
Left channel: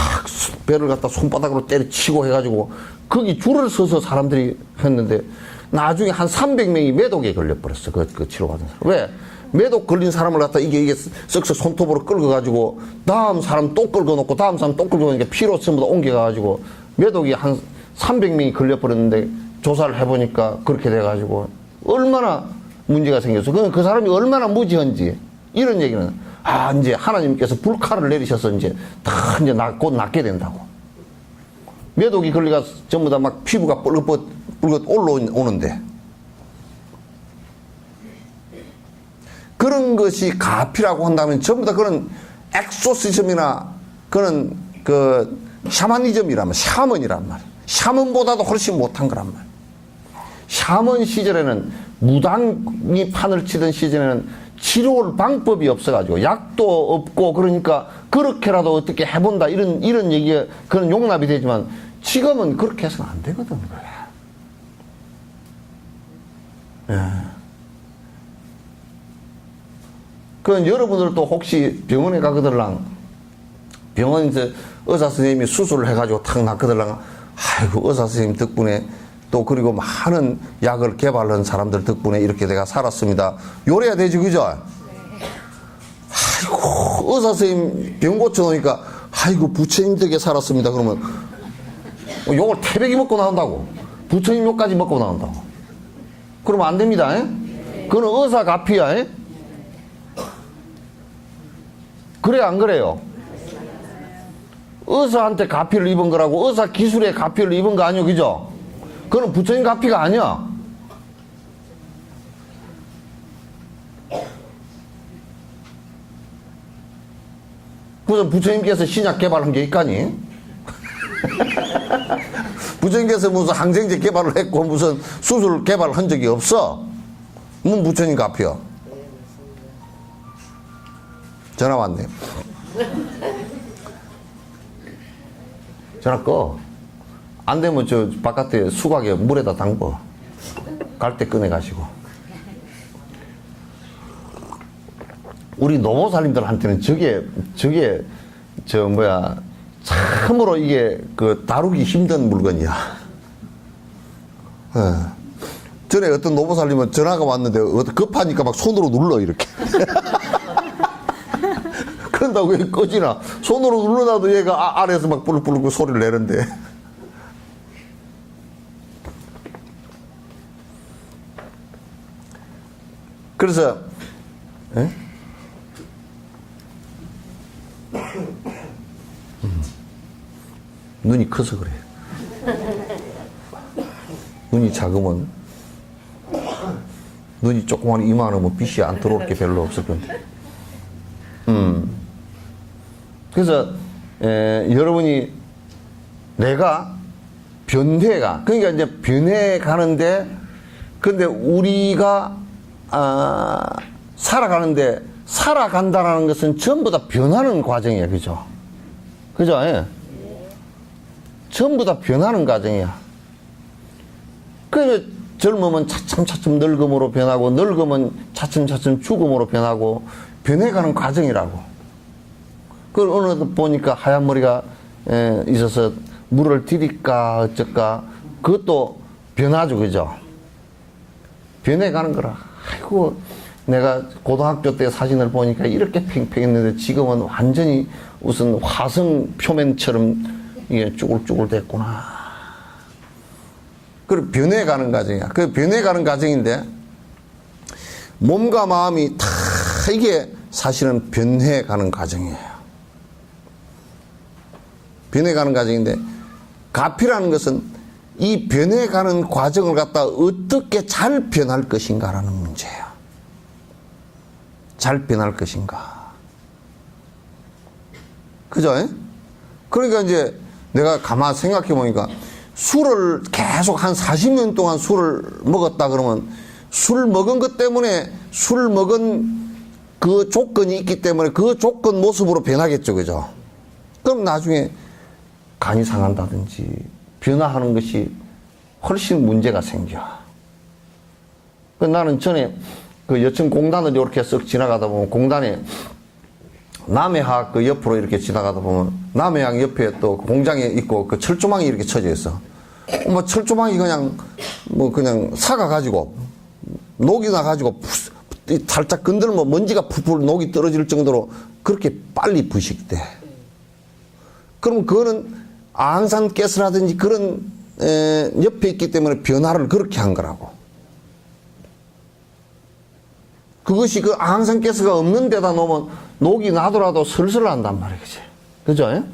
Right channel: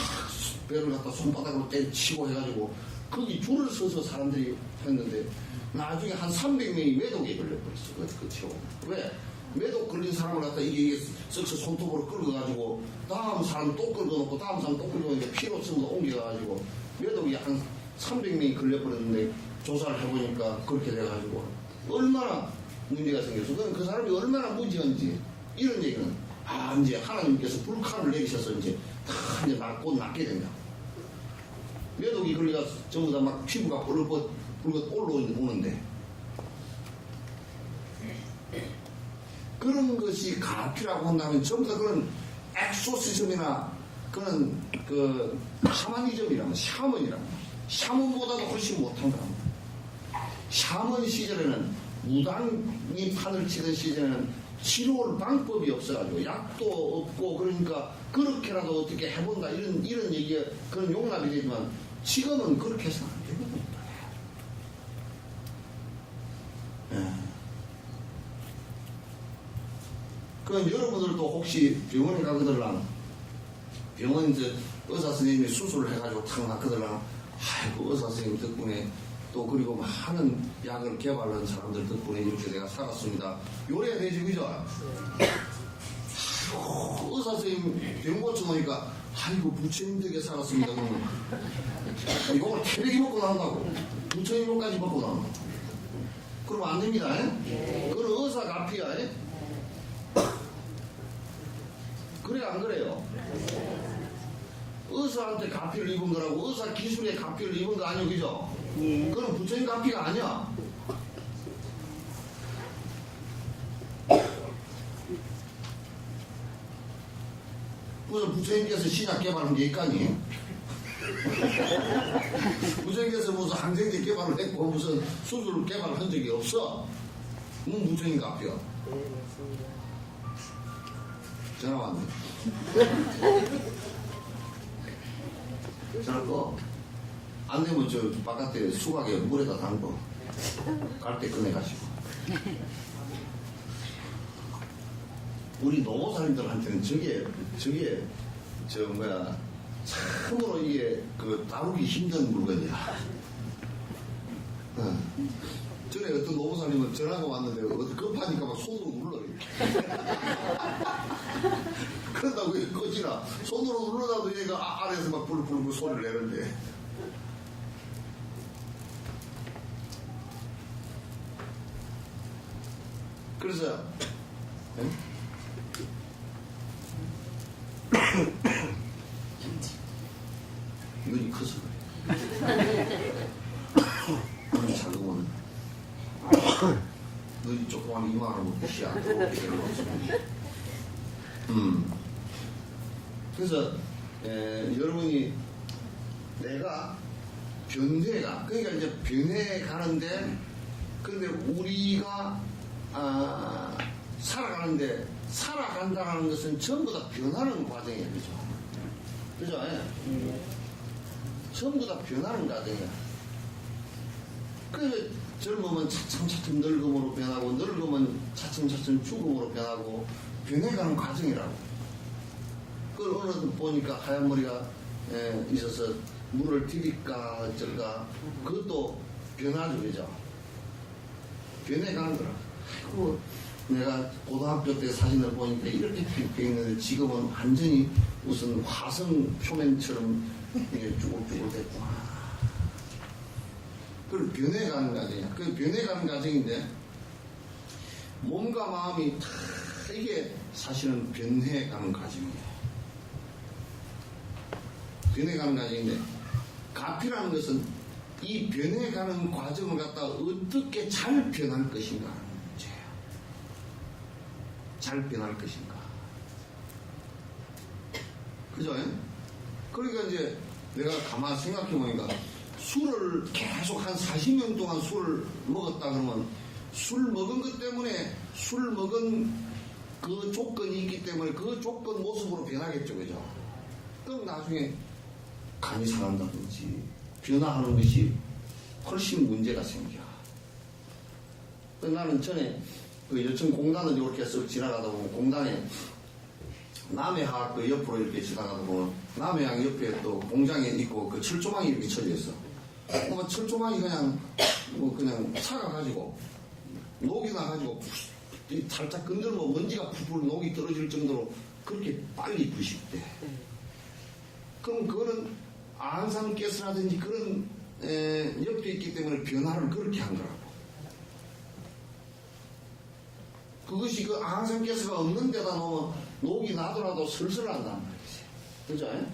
배를 갖다 손바닥으로 때려치고 해가지고 거기 줄을 서서 사람들이 했는데 나중에 한 300명이 매독에 걸려버렸어. 그 치료받은 사람. 왜? 매독 걸린 사람을 갖다 이게 쓱쓱 손톱으로 끌어가지고 다음 사람 또 끌어놓고 다음 사람 또 끌어놓으니까 피로 전부 다 옮겨가지고 매독이 한 300명이 걸려버렸는데 조사를 해보니까 그렇게 돼가지고 얼마나 문제가 생겼어. 그 사람이 얼마나 무지한지 이런 얘기는 이제 하나님께서 불칼을 내리셔서 이제 다 이제 곧 낫게 된다고. 매독이 걸리가 전부 다 막 피부가 뻘긋 올라오는데 그런 것이 가피라고 한다면 전부 다 그런 엑소시즘이나 그런 샤머니즘이란 말. 샤먼보다도 훨씬 못한 거란 말. 샤먼 시절에는 무당이 판을 치던 시절에는 치료할 방법이 없어가지고 약도 없고 그러니까 그렇게라도 어떻게 해본다 이런 얘기가 그런 용납이 되지만 지금은 그렇게 해서는 안 되거든. 예. 그건 여러분들도 혹시 병원에 가거들랑 병원에서 의사 선생님이 수술을 해가지고 탁 낫거들랑 아이고 의사 선생님 덕분에 또 그리고 많은 약을 개발한 사람들 덕분에 이렇게 내가 살았습니다. 요래야 되지, 그죠? 아이고 의사 선생님 병 고쳐놓으니까 아이고 부처님 덕에 살았습니다. 그러면 요걸 태백이 먹고 나온다고. 부처님 욕까지 먹고 나온다고. 그러면 안 됩니다. 그거는 의사 가피야. 그래 안 그래요? 의사한테 가피를 입은 거라고 의사 기술에 가피를 입은 거 아니요, 그죠? 그건 부처님 가피가 아니야. 무슨 부처님께서 신약 개발한 게 있까니? 부처님께서 무슨 항생제 개발을 했고 무슨 수술 개발을 한 적이 없어. 뭐 부처님 가피야. 전화 왔네. 전화 꺼. 안 되면 저 바깥에 수박에 물에다 담궈. 갈 때 꺼내 가시고. 우리 노모살님들한테는 저게 참으로 이게 다루기 힘든 물건이야. 전에 어떤 노모살님은 전화가 왔는데 급하니까 막 손으로 눌러 이렇게. 그런다고 왜 꺼지나? 손으로 눌러놔도 얘가 아래에서 막 부르르 소리를 내는데. 그래서 에? 눈이 커서 그래. 눈이 작으면, 눈이 조그만 이만하면 빛이 안 들어올 게 별로 없을 겁니다. 그래서 여러분이 내가 변해가, 그러니까 이제 변해 가는데, 근데 우리가 살아가는데, 살아간다라는 것은 전부 다 변하는 과정이야, 그죠? 그죠? 예. 전부 다 변하는 과정이야. 그러니까 젊으면 차츰차츰 늙음으로 변하고, 늙으면 차츰차츰 죽음으로 변하고, 변해가는 과정이라고. 그걸 어느 보니까 하얀 머리가 있어서 물을 드릴까 어쩔까, 그것도 변하죠, 그죠? 변해가는 거라. 아이고, 내가 고등학교 때 사진을 보니까 이렇게 팽팽했는데 지금은 완전히 무슨 화성 표면처럼 이게 쭈글쭈글 됐구나. 그 변해가는 과정이야. 그 변해가는 과정인데, 몸과 마음이 다 이게 사실은 변해가는 과정이에요. 변해가는 과정인데, 가피라는 것은 이 변해가는 과정을 갖다 어떻게 잘 변할 것인가라는 문제예요. 잘 변할 것인가. 그죠? 그러니까 이제 내가 가만히 생각해 보니까, 술을 계속 한 40년 동안 술을 먹었다 그러면, 술 먹은 것 때문에 술 먹은 그 조건이 있기 때문에 그 조건 모습으로 변하겠죠, 그죠? 그럼 나중에 간이 상한다든지 변화하는 것이 훨씬 문제가 생겨. 나는 전에 그 여천 공단을 이렇게 쓱 지나가다 보면, 공단에 남해학 그 옆으로 이렇게 지나가다 보면, 남해학 옆에 또 공장에 있고 그 철조망이 이렇게 쳐져 있어. 뭐 철조망이 그냥 뭐 그냥 사가가지고 녹이 나가지고 살짝 건들면 먼지가 풀풀 녹이 떨어질 정도로 그렇게 빨리 부식돼. 그럼 그거는 앙산가스라든지 그런 옆에 있기 때문에 변화를 그렇게 한 거라고. 그것이 그 앙산가스가 없는 데다 놓으면 녹이 나더라도 슬슬 난단 말이야, 그치? 그죠?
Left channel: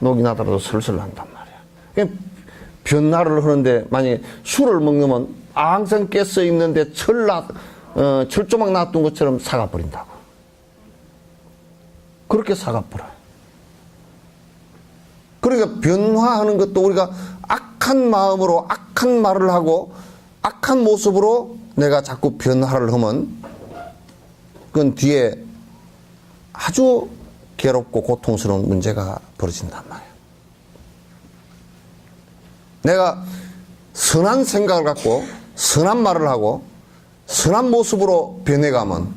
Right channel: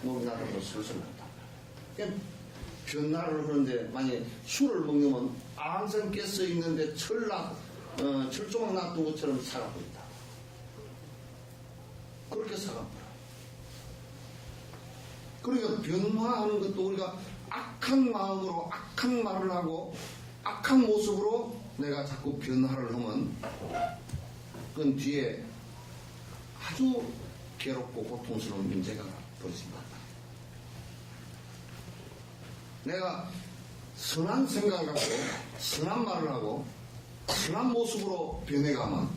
녹이 나더라도 슬슬 난단 말이야. 그러니까 변화를 하는데, 만약에 술을 먹으면 앙산가스 있는데 철조망 놔둔 것처럼 사가버린다고. 그렇게 사가버려요. 그러니까 변화하는 것도 우리가 악한 마음으로 악한 말을 하고 악한 모습으로 내가 자꾸 변화를 하면, 그건 뒤에 아주 괴롭고 고통스러운 문제가 벌어진단 말이에요. 내가 선한 생각을 갖고 선한 말을 하고 선한 모습으로 변해가면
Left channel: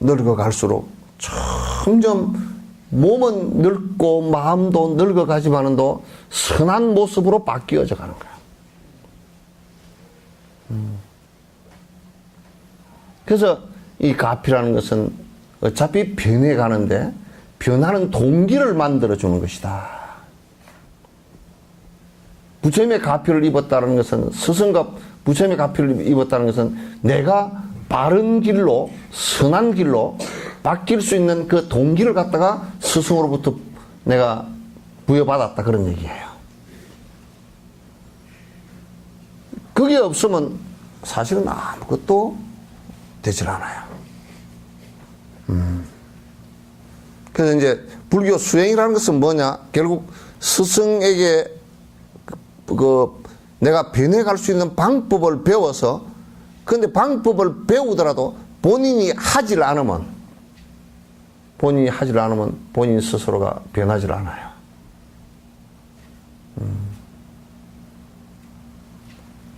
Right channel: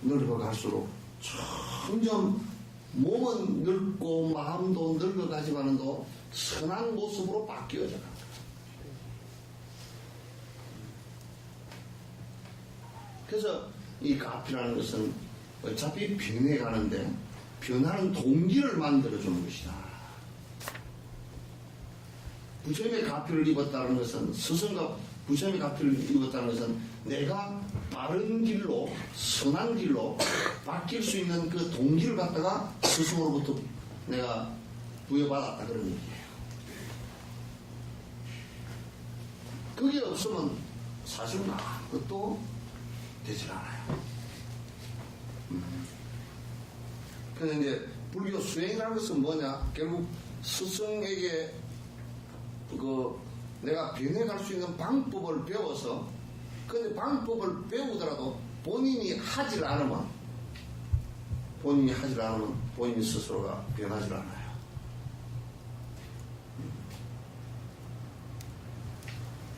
늙어갈수록 점점 몸은 늙고 마음도 늙어가지만은도 선한 모습으로 바뀌어져 가는 거야. 그래서 이 가피라는 것은 어차피 변해가는데 변하는 동기를 만들어주는 것이다. 부처님의 가피를 입었다는 것은, 스승과 부처님의 가피를 입었다는 것은 내가 바른 길로, 선한 길로 바뀔 수 있는 그 동기를 갖다가 스승으로부터 내가 부여받았다, 그런 얘기예요. 그게 없으면 사실은 아무것도 되질 않아요. 그래서 이제 불교 수행이라는 것은 뭐냐? 결국 스승에게 내가 변해갈 수 있는 방법을 배워서, 그런데 방법을 배우더라도 본인이 하질 않으면 본인 스스로가 변하질 않아요.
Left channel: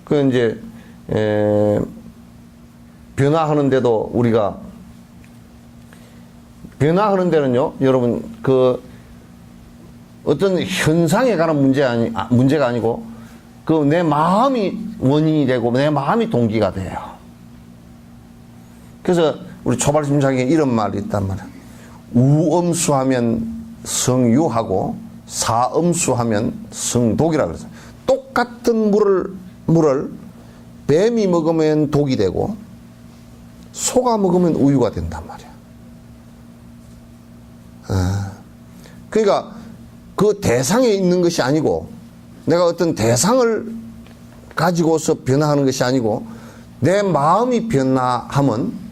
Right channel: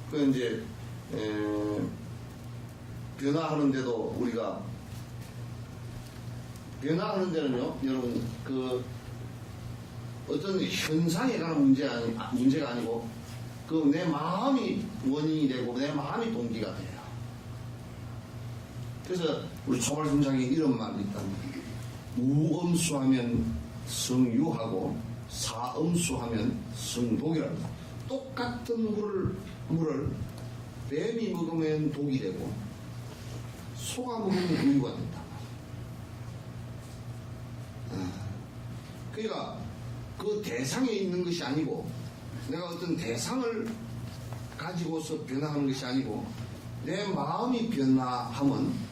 그 이제 변화하는데도 우리가 변화하는 데는요, 여러분, 그 어떤 현상에 관한 문제가 아니고 그 내 마음이 원인이 되고 내 마음이 동기가 돼요. 그래서 우리 초발심장에 이런 말이 있단 말이야. 우엄수하면 성유하고 사엄수하면 성독이라 그랬어. 똑같은 물을 뱀이 먹으면 독이 되고 소가 먹으면 우유가 된단 말이야. 그러니까 그 대상에 있는 것이 아니고 내가 어떤 대상을 가지고서 변화하는 것이 아니고 내 마음이 변화하면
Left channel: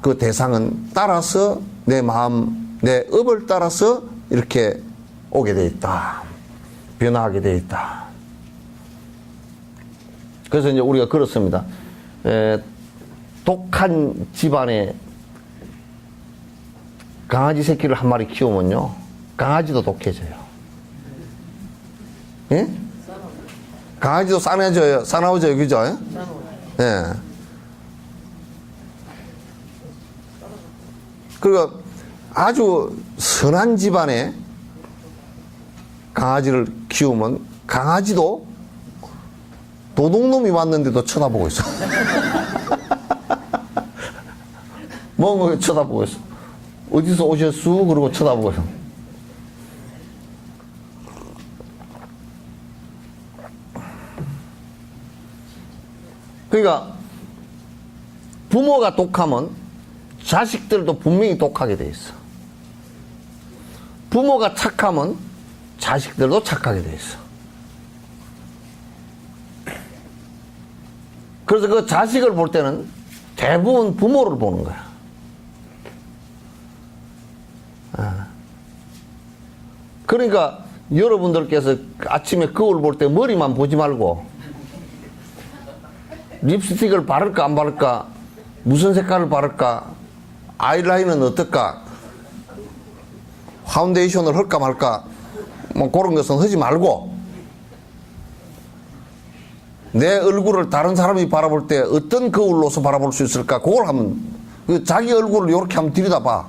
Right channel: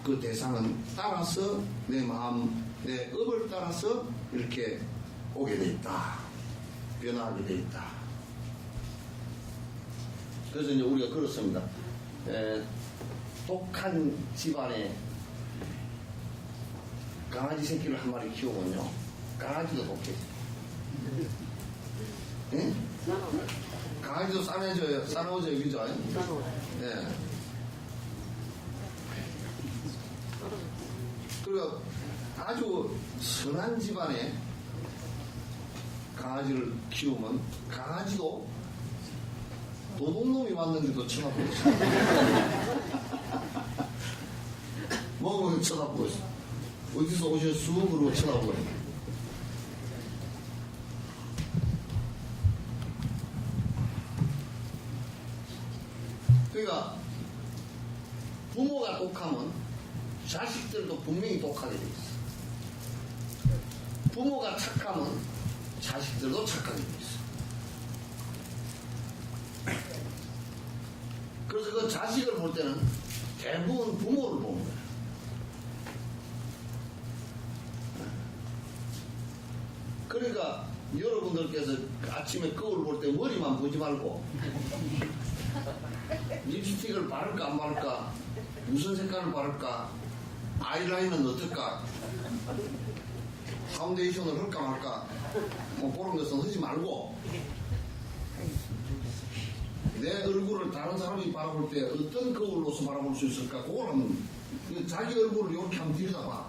그 대상은 따라서 내 마음, 내 업을 따라서 이렇게 오게 돼 있다. 변화하게 돼 있다. 그래서 이제 우리가 그렇습니다. 독한 집안에 강아지 새끼를 한 마리 키우면요, 강아지도 독해져요. 예? 강아지도 싸나워져요, 그죠? 예. 그러니까 아주 선한 집안에 강아지를 키우면 강아지도 도둑놈이 왔는데도 쳐다보고 있어. 뭐 쳐다보고 있어. 어디서 오셨수? 그러고 쳐다보고 있어. 그러니까 부모가 독하면 자식들도 분명히 독하게 돼 있어. 부모가 착하면 자식들도 착하게 돼 있어. 그래서 그 자식을 볼 때는 대부분 부모를 보는 거야. 그러니까 여러분들께서 아침에 거울 볼 때 머리만 보지 말고 립스틱을 바를까 안 바를까, 무슨 색깔을 바를까, 아이라인은 어떨까, 파운데이션을 할까 말까, 뭐 그런 것은 하지 말고 내 얼굴을 다른 사람이 바라볼 때 어떤 거울로서 바라볼 수 있을까, 그걸 하면, 자기 얼굴을 이렇게 한번 들여다봐.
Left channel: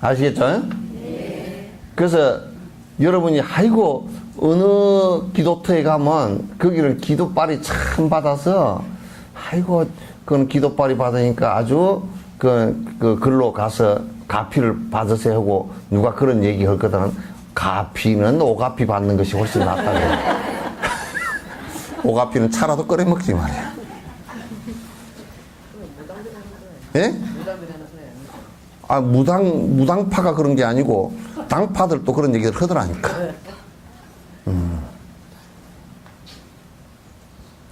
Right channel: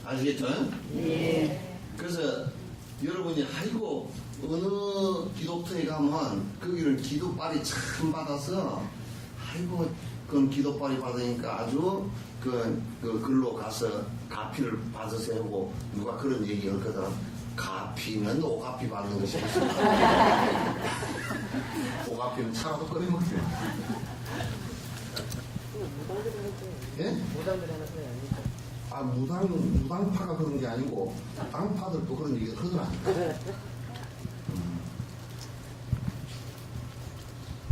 아시겠죠? 네. 그래서 여러분이 아이고 어느 기도터에 가면 거기를 기도빨이 참 받아서 아이고 그건 기도빨이 받으니까 아주 그 글로 가서 가피를 받으세요 하고 누가 그런 얘기 할 거다는, 가피는 오가피 받는 것이 훨씬 낫다고. 오가피는 차라도 끓여 먹지 말이야. 예? 아, 무당파가 그런 게 아니고 당파들도 그런 얘기를 하더라니까.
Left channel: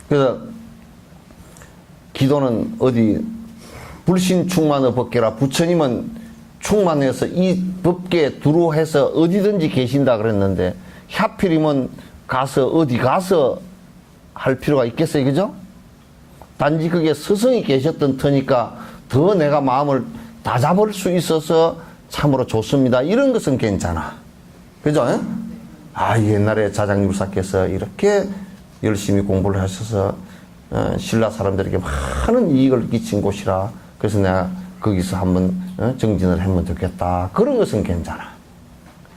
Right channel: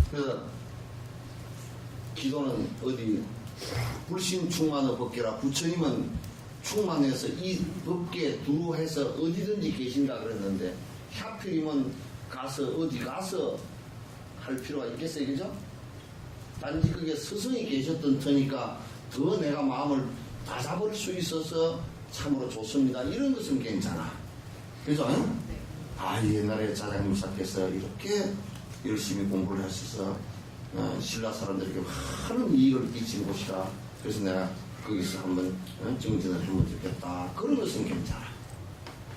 그래서 기도는 어디 불신 충만의 법계라, 부처님은 충만해서 이 법계에 두루해서 어디든지 계신다 그랬는데 하필이면 가서 어디 가서 할 필요가 있겠어요, 그죠? 단지 그게 스승이 계셨던 터니까 더 내가 마음을 다 잡을 수 있어서 참으로 좋습니다. 이런 것은 괜찮아. 그죠? 아, 옛날에 자장율사께서 이렇게 열심히 공부를 하셔서 신라 사람들에게 많은 이익을 끼친 곳이라, 그래서 내가 거기서 한번 정진을 하면 좋겠다. 그런 것은 괜찮아.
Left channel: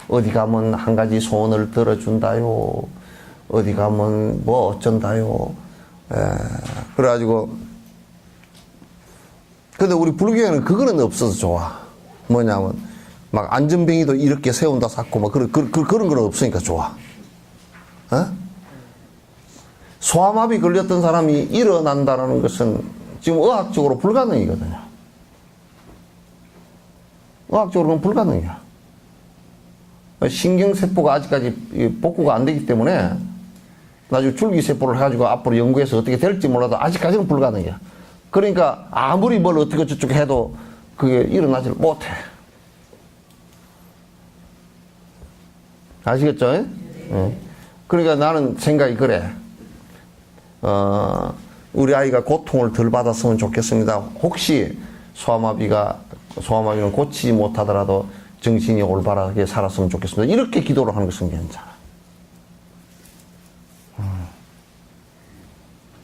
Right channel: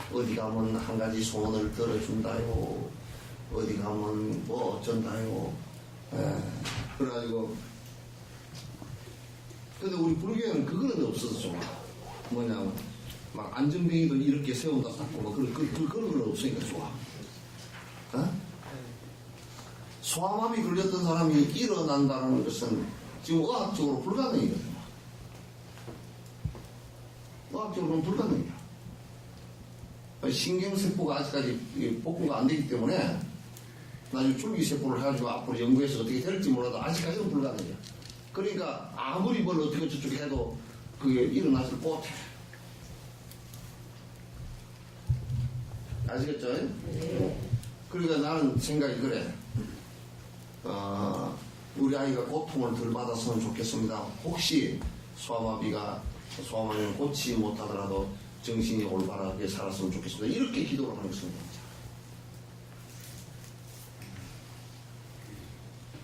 어디 가면 한 가지 소원을 들어준다요. 어디 가면 뭐 어쩐다요. 그래가지고, 근데 우리 불교에는 그거는 없어서 좋아. 뭐냐면 막 안전뱅이도 이렇게 세운다 쌓고 막 그런 건 없으니까 좋아. 어? 소아마비 걸렸던 사람이 일어난다는 것은 지금 의학적으로 불가능이거든요. 의학적으로는 불가능이야. 신경세포가 아직까지 복구가 안 되기 때문에 나중에 줄기세포를 해가지고 앞으로 연구해서 어떻게 될지 몰라도 아직까지는 불가능이야. 그러니까 아무리 뭘 어떻게 저쪽 해도 그게 일어나질 못해. 아시겠죠? 네. 그러니까 나는 생각이 그래. 우리 아이가 고통을 덜 받았으면 좋겠습니다. 혹시 소아마비는 고치지 못하더라도 정신이 올바르게 살았으면 좋겠습니다. 이렇게 기도를 하는 것은 괜찮아.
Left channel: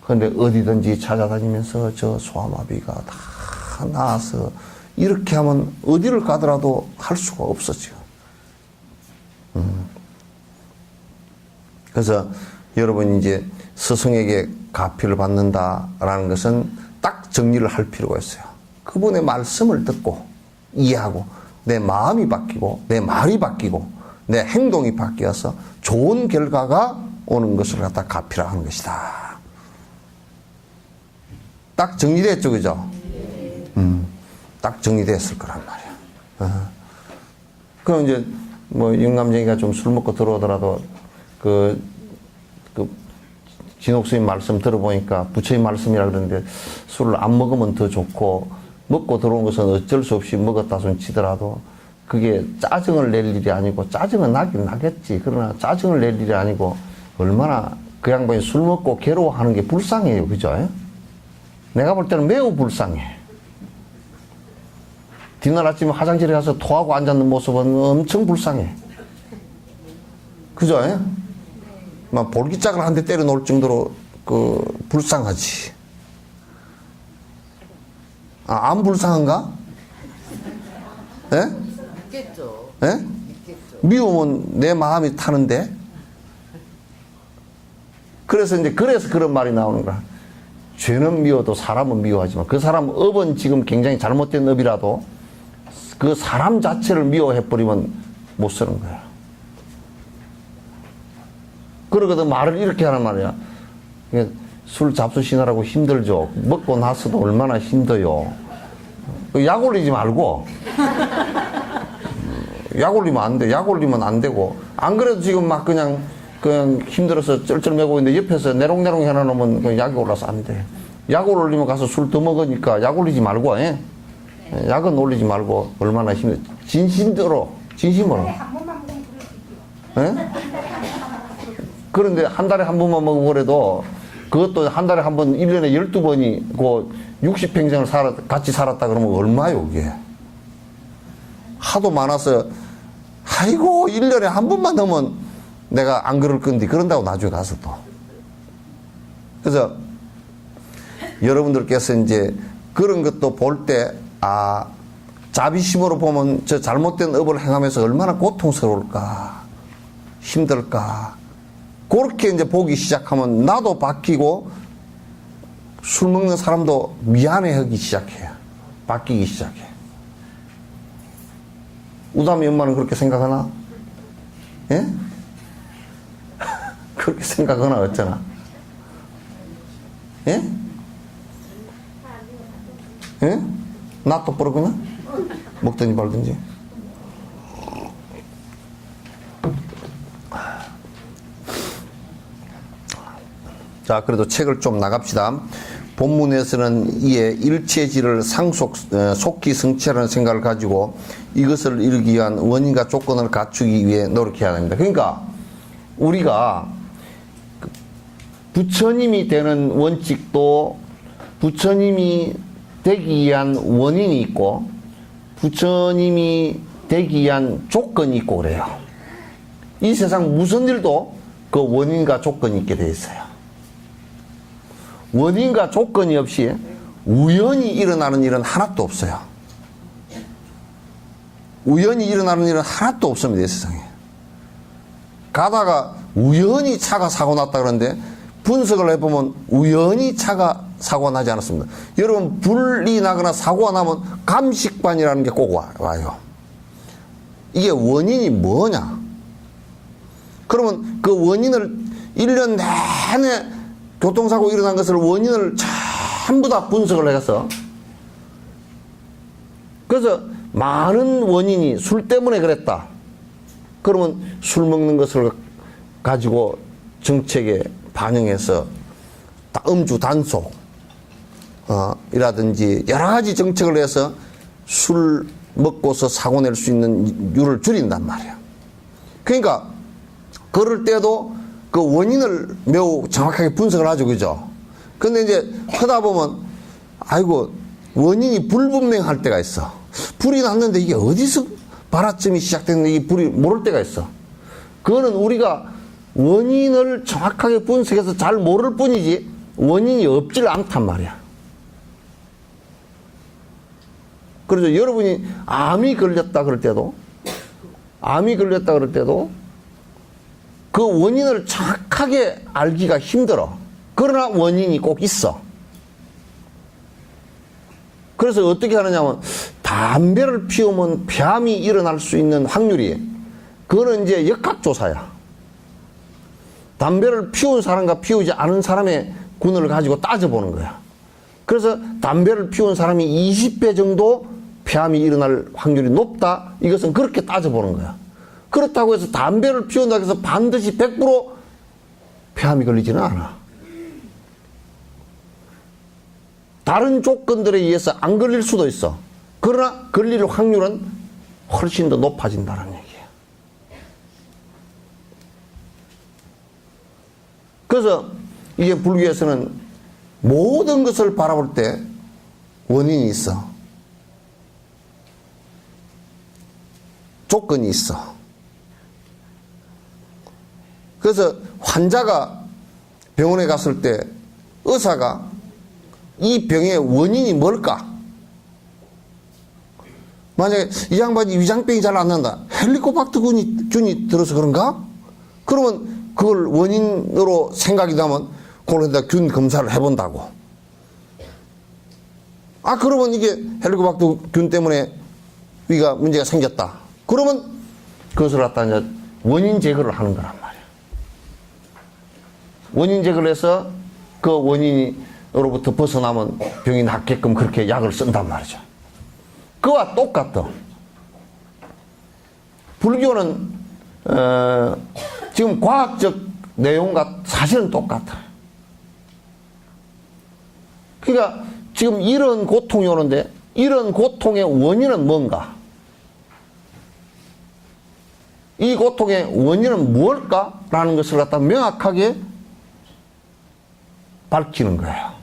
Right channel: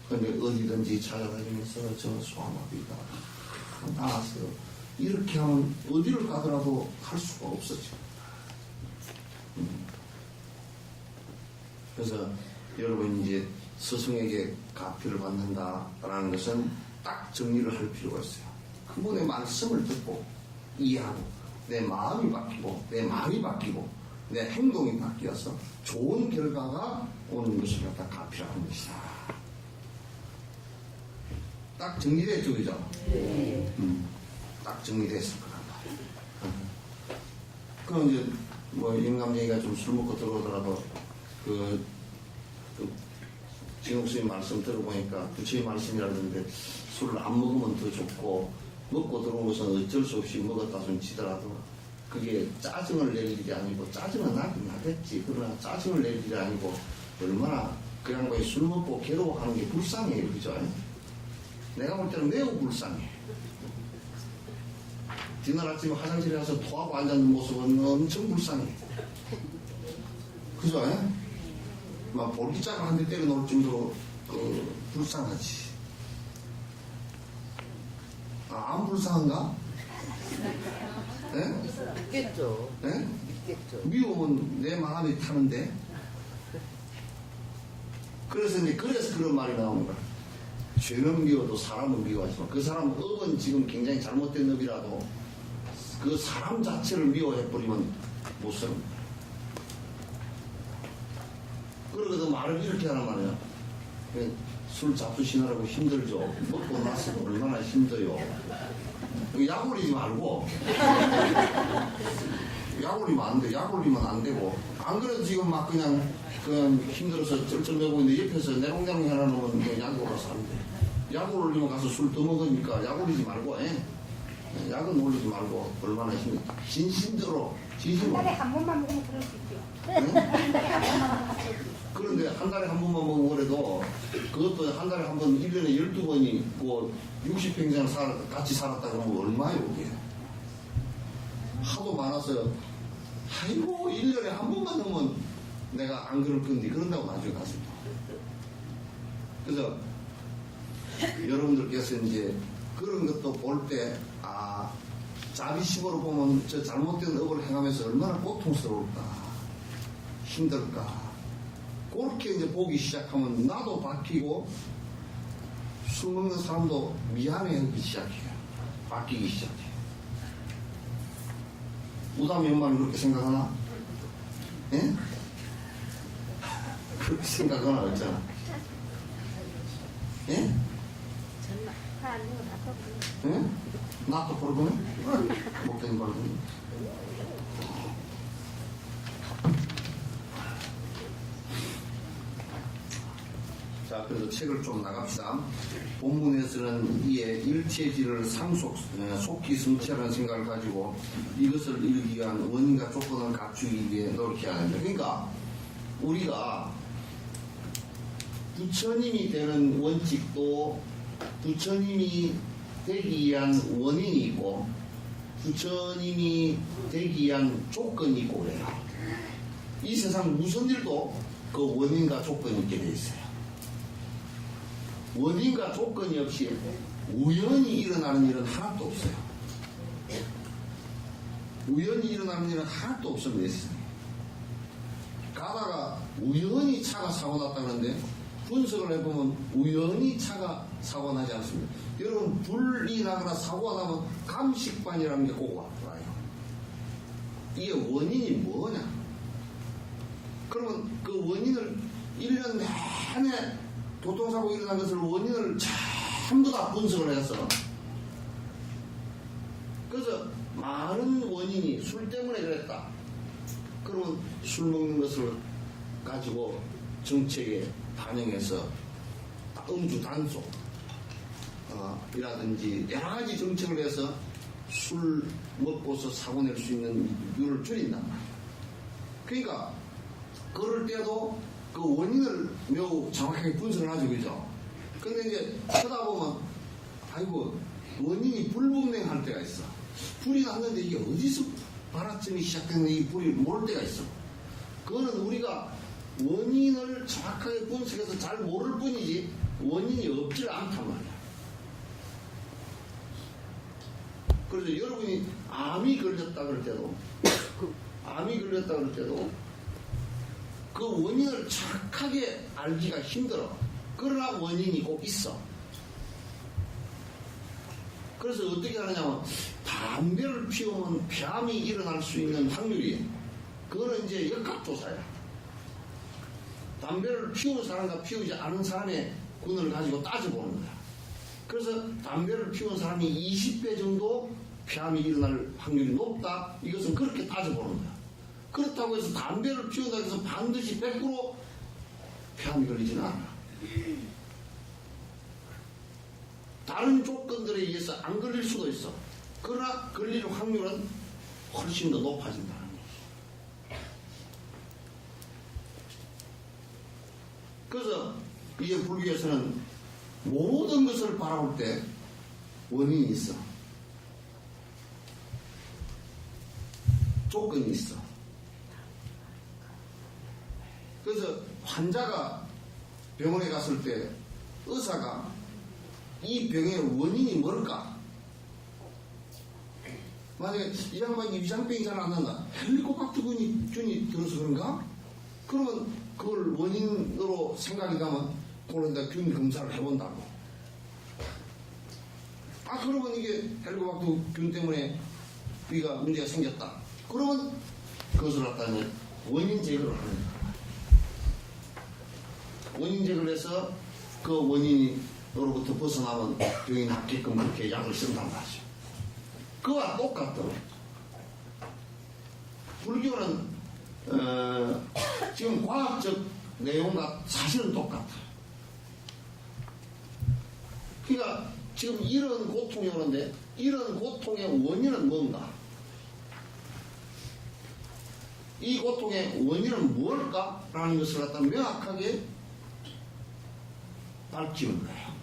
그런데 어디든지 찾아다니면서 저 소아마비가 다 나아서 이렇게 하면 어디를 가더라도 할 수가 없었죠. 그래서 여러분 이제 스승에게 가피를 받는다라는 것은 딱 정리를 할 필요가 있어요. 그분의 말씀을 듣고 이해하고 내 마음이 바뀌고 내 말이 바뀌고 내 행동이 바뀌어서 좋은 결과가 오는 것을 갖다 가피라 하는 것이다. 딱 정리됐죠, 그죠? 딱 정리됐을 거란 말이야. 그럼 이제 뭐 영감쟁이가 좀 술 먹고 들어오더라도 그 진옥스님 말씀 들어보니까 부처님 말씀이라 그러는데 술을 안 먹으면 더 좋고 먹고 들어온 것은 어쩔 수 없이 먹었다 손 치더라도 그게 짜증을 낼 일이 아니고 짜증은 나긴 나겠지. 그러나 짜증을 낼 일이 아니고 얼마나 그 양반이 술 먹고 괴로워하는 게 불쌍해요. 그죠? 내가 볼 때는 매우 불쌍해. 뒷날 아침에 화장실에 가서 토하고 앉았는 모습은 엄청 불쌍해. 그죠? 막 볼기짝을 한 대 때려 놓을 정도로 불쌍하지. 아, 안 불쌍한가? 예? 있겠죠. 예? 미우면 내 마음이 타는데? 그래서 그런 말이 나오는 거야. 죄는 미워도 사람은 미워하지만 그 사람 업은 지금 굉장히 잘못된 업이라도 그 사람 자체를 미워해버리면 못 쓰는 거야. 그러거든 말을 이렇게 하는 말이야. 술 잡수시느라고 힘들죠. 먹고 나서도 얼마나 힘들어요. 약 올리지 말고. 약 올리면 안 돼. 약 올리면 안 되고. 안 그래도 지금 막 그냥 힘들어서 쩔쩔매고 있는데 옆에서 내롱내롱 해놔놓으면 그 약이 올라서 안 돼. 약을 올리면 가서 술 더 먹으니까 약 올리지 말고, 약은 올리지 말고 얼마나 힘들어. 진심으로. 그런데 한 달에 한 번만 먹고 그래도 그것도 한 달에 한 번, 1년에 12번이 그 60평생을 같이 살았다 그러면 얼마요, 그게? 하도 많아서, 아이고, 1년에 한 번만 넣으면 내가 안 그럴 건데, 그런다고 나중에 가서 또. 그래서 여러분들께서 이제 그런 것도 볼 때, 자비심으로 보면 저 잘못된 업을 행하면서 얼마나 고통스러울까, 힘들까. 그렇게 이제 보기 시작하면 나도 바뀌고 술 먹는 사람도 미안해하기 시작해요. 바뀌기 시작해. 우담이 엄마는 그렇게 생각하나? 예? 그렇게 생각하나 어쩌나? 예? 예? 나 똑바로 그나? 먹든지 말든지. 자, 그래도 책을 좀 나갑시다. 본문에서는 이에 일체질을 속기 성취하는 생각을 가지고 이것을 이루기 위한 원인과 조건을 갖추기 위해 노력해야 합니다. 그러니까 우리가 부처님이 되는 원칙도 부처님이 되기 위한 원인이 있고 부처님이 되기 위한 조건이 있고 그래요. 이 세상 무슨 일도 그 원인과 조건이 있게 되어 있어요. 원인과 조건이 없이 우연히 일어나는 일은 하나도 없어요. 우연히 일어나는 일은 하나도 없습니다, 이 세상에. 가다가 우연히 차가 사고 났다 그러는데 분석을 해보면 우연히 차가 사고가 나지 않았습니다. 여러분, 불이 나거나 사고가 나면 감식반이라는 게 꼭 와요. 이게 원인이 뭐냐? 그러면 그 원인을 1년 내내 교통사고 일어난 것을 원인을 전부 다 분석을 해서 그래서 많은 원인이 술 때문에 그랬다. 그러면 술 먹는 것을 가지고 정책에 반영해서 음주 단속 이라든지 여러 가지 정책을 해서 술 먹고서 사고 낼 수 있는 율을 줄인단 말이야. 그러니까 그럴 때도 그 원인을 매우 정확하게 분석을 하죠, 그죠? 근데 이제 하다 보면 아이고 원인이 불분명할 때가 있어. 불이 났는데 이게 어디서 발화점이 시작됐는데 이 불이 모를 때가 있어. 그거는 우리가 원인을 정확하게 분석해서 잘 모를 뿐이지 원인이 없질 않단 말이야. 그래서 여러분이 암이 걸렸다 그럴 때도 그 원인을 정확하게 알기가 힘들어. 그러나 원인이 꼭 있어. 그래서 어떻게 하느냐면 담배를 피우면 폐암이 일어날 수 있는 확률이, 그거는 이제 역학조사야. 담배를 피운 사람과 피우지 않은 사람의 군을 가지고 따져보는 거야. 그래서 담배를 피운 사람이 20배 정도 폐암이 일어날 확률이 높다. 이것은 그렇게 따져보는 거야. 그렇다고 해서 담배를 피운다고 해서 반드시 100% 폐암이 걸리지는 않아. 다른 조건들에 의해서 안 걸릴 수도 있어. 그러나 걸릴 확률은 훨씬 더 높아진다는 얘기야. 그래서 이게 불교에서는 모든 것을 바라볼 때 원인이 있어. 조건이 있어. 그래서 환자가 병원에 갔을 때 의사가 이 병의 원인이 뭘까? 만약에 이 양반이 위장병이 잘 안 난다. 헬리코박터 균이 들어서 그런가? 그러면 그걸 원인으로 생각이 나면 그런다 균 검사를 해본다고. 아, 그러면 이게 헬리코박터 균 때문에 위가 문제가 생겼다. 그러면 그것을 갖다 이제 원인 제거를 하는 거란 말이야. 원인 제거를 해서 그 원인으로부터 벗어나면 병이 낫게끔 그렇게 약을 쓴단 말이죠. 그와 똑같다. 불교는 지금 과학적 내용과 사실은 똑같아. 그러니까 지금 이런 고통이 오는데 이런 고통의 원인은 뭔가? 이 고통의 원인은 무엇일까? 라는 것을 갖다 명확하게 밝히는 거예요.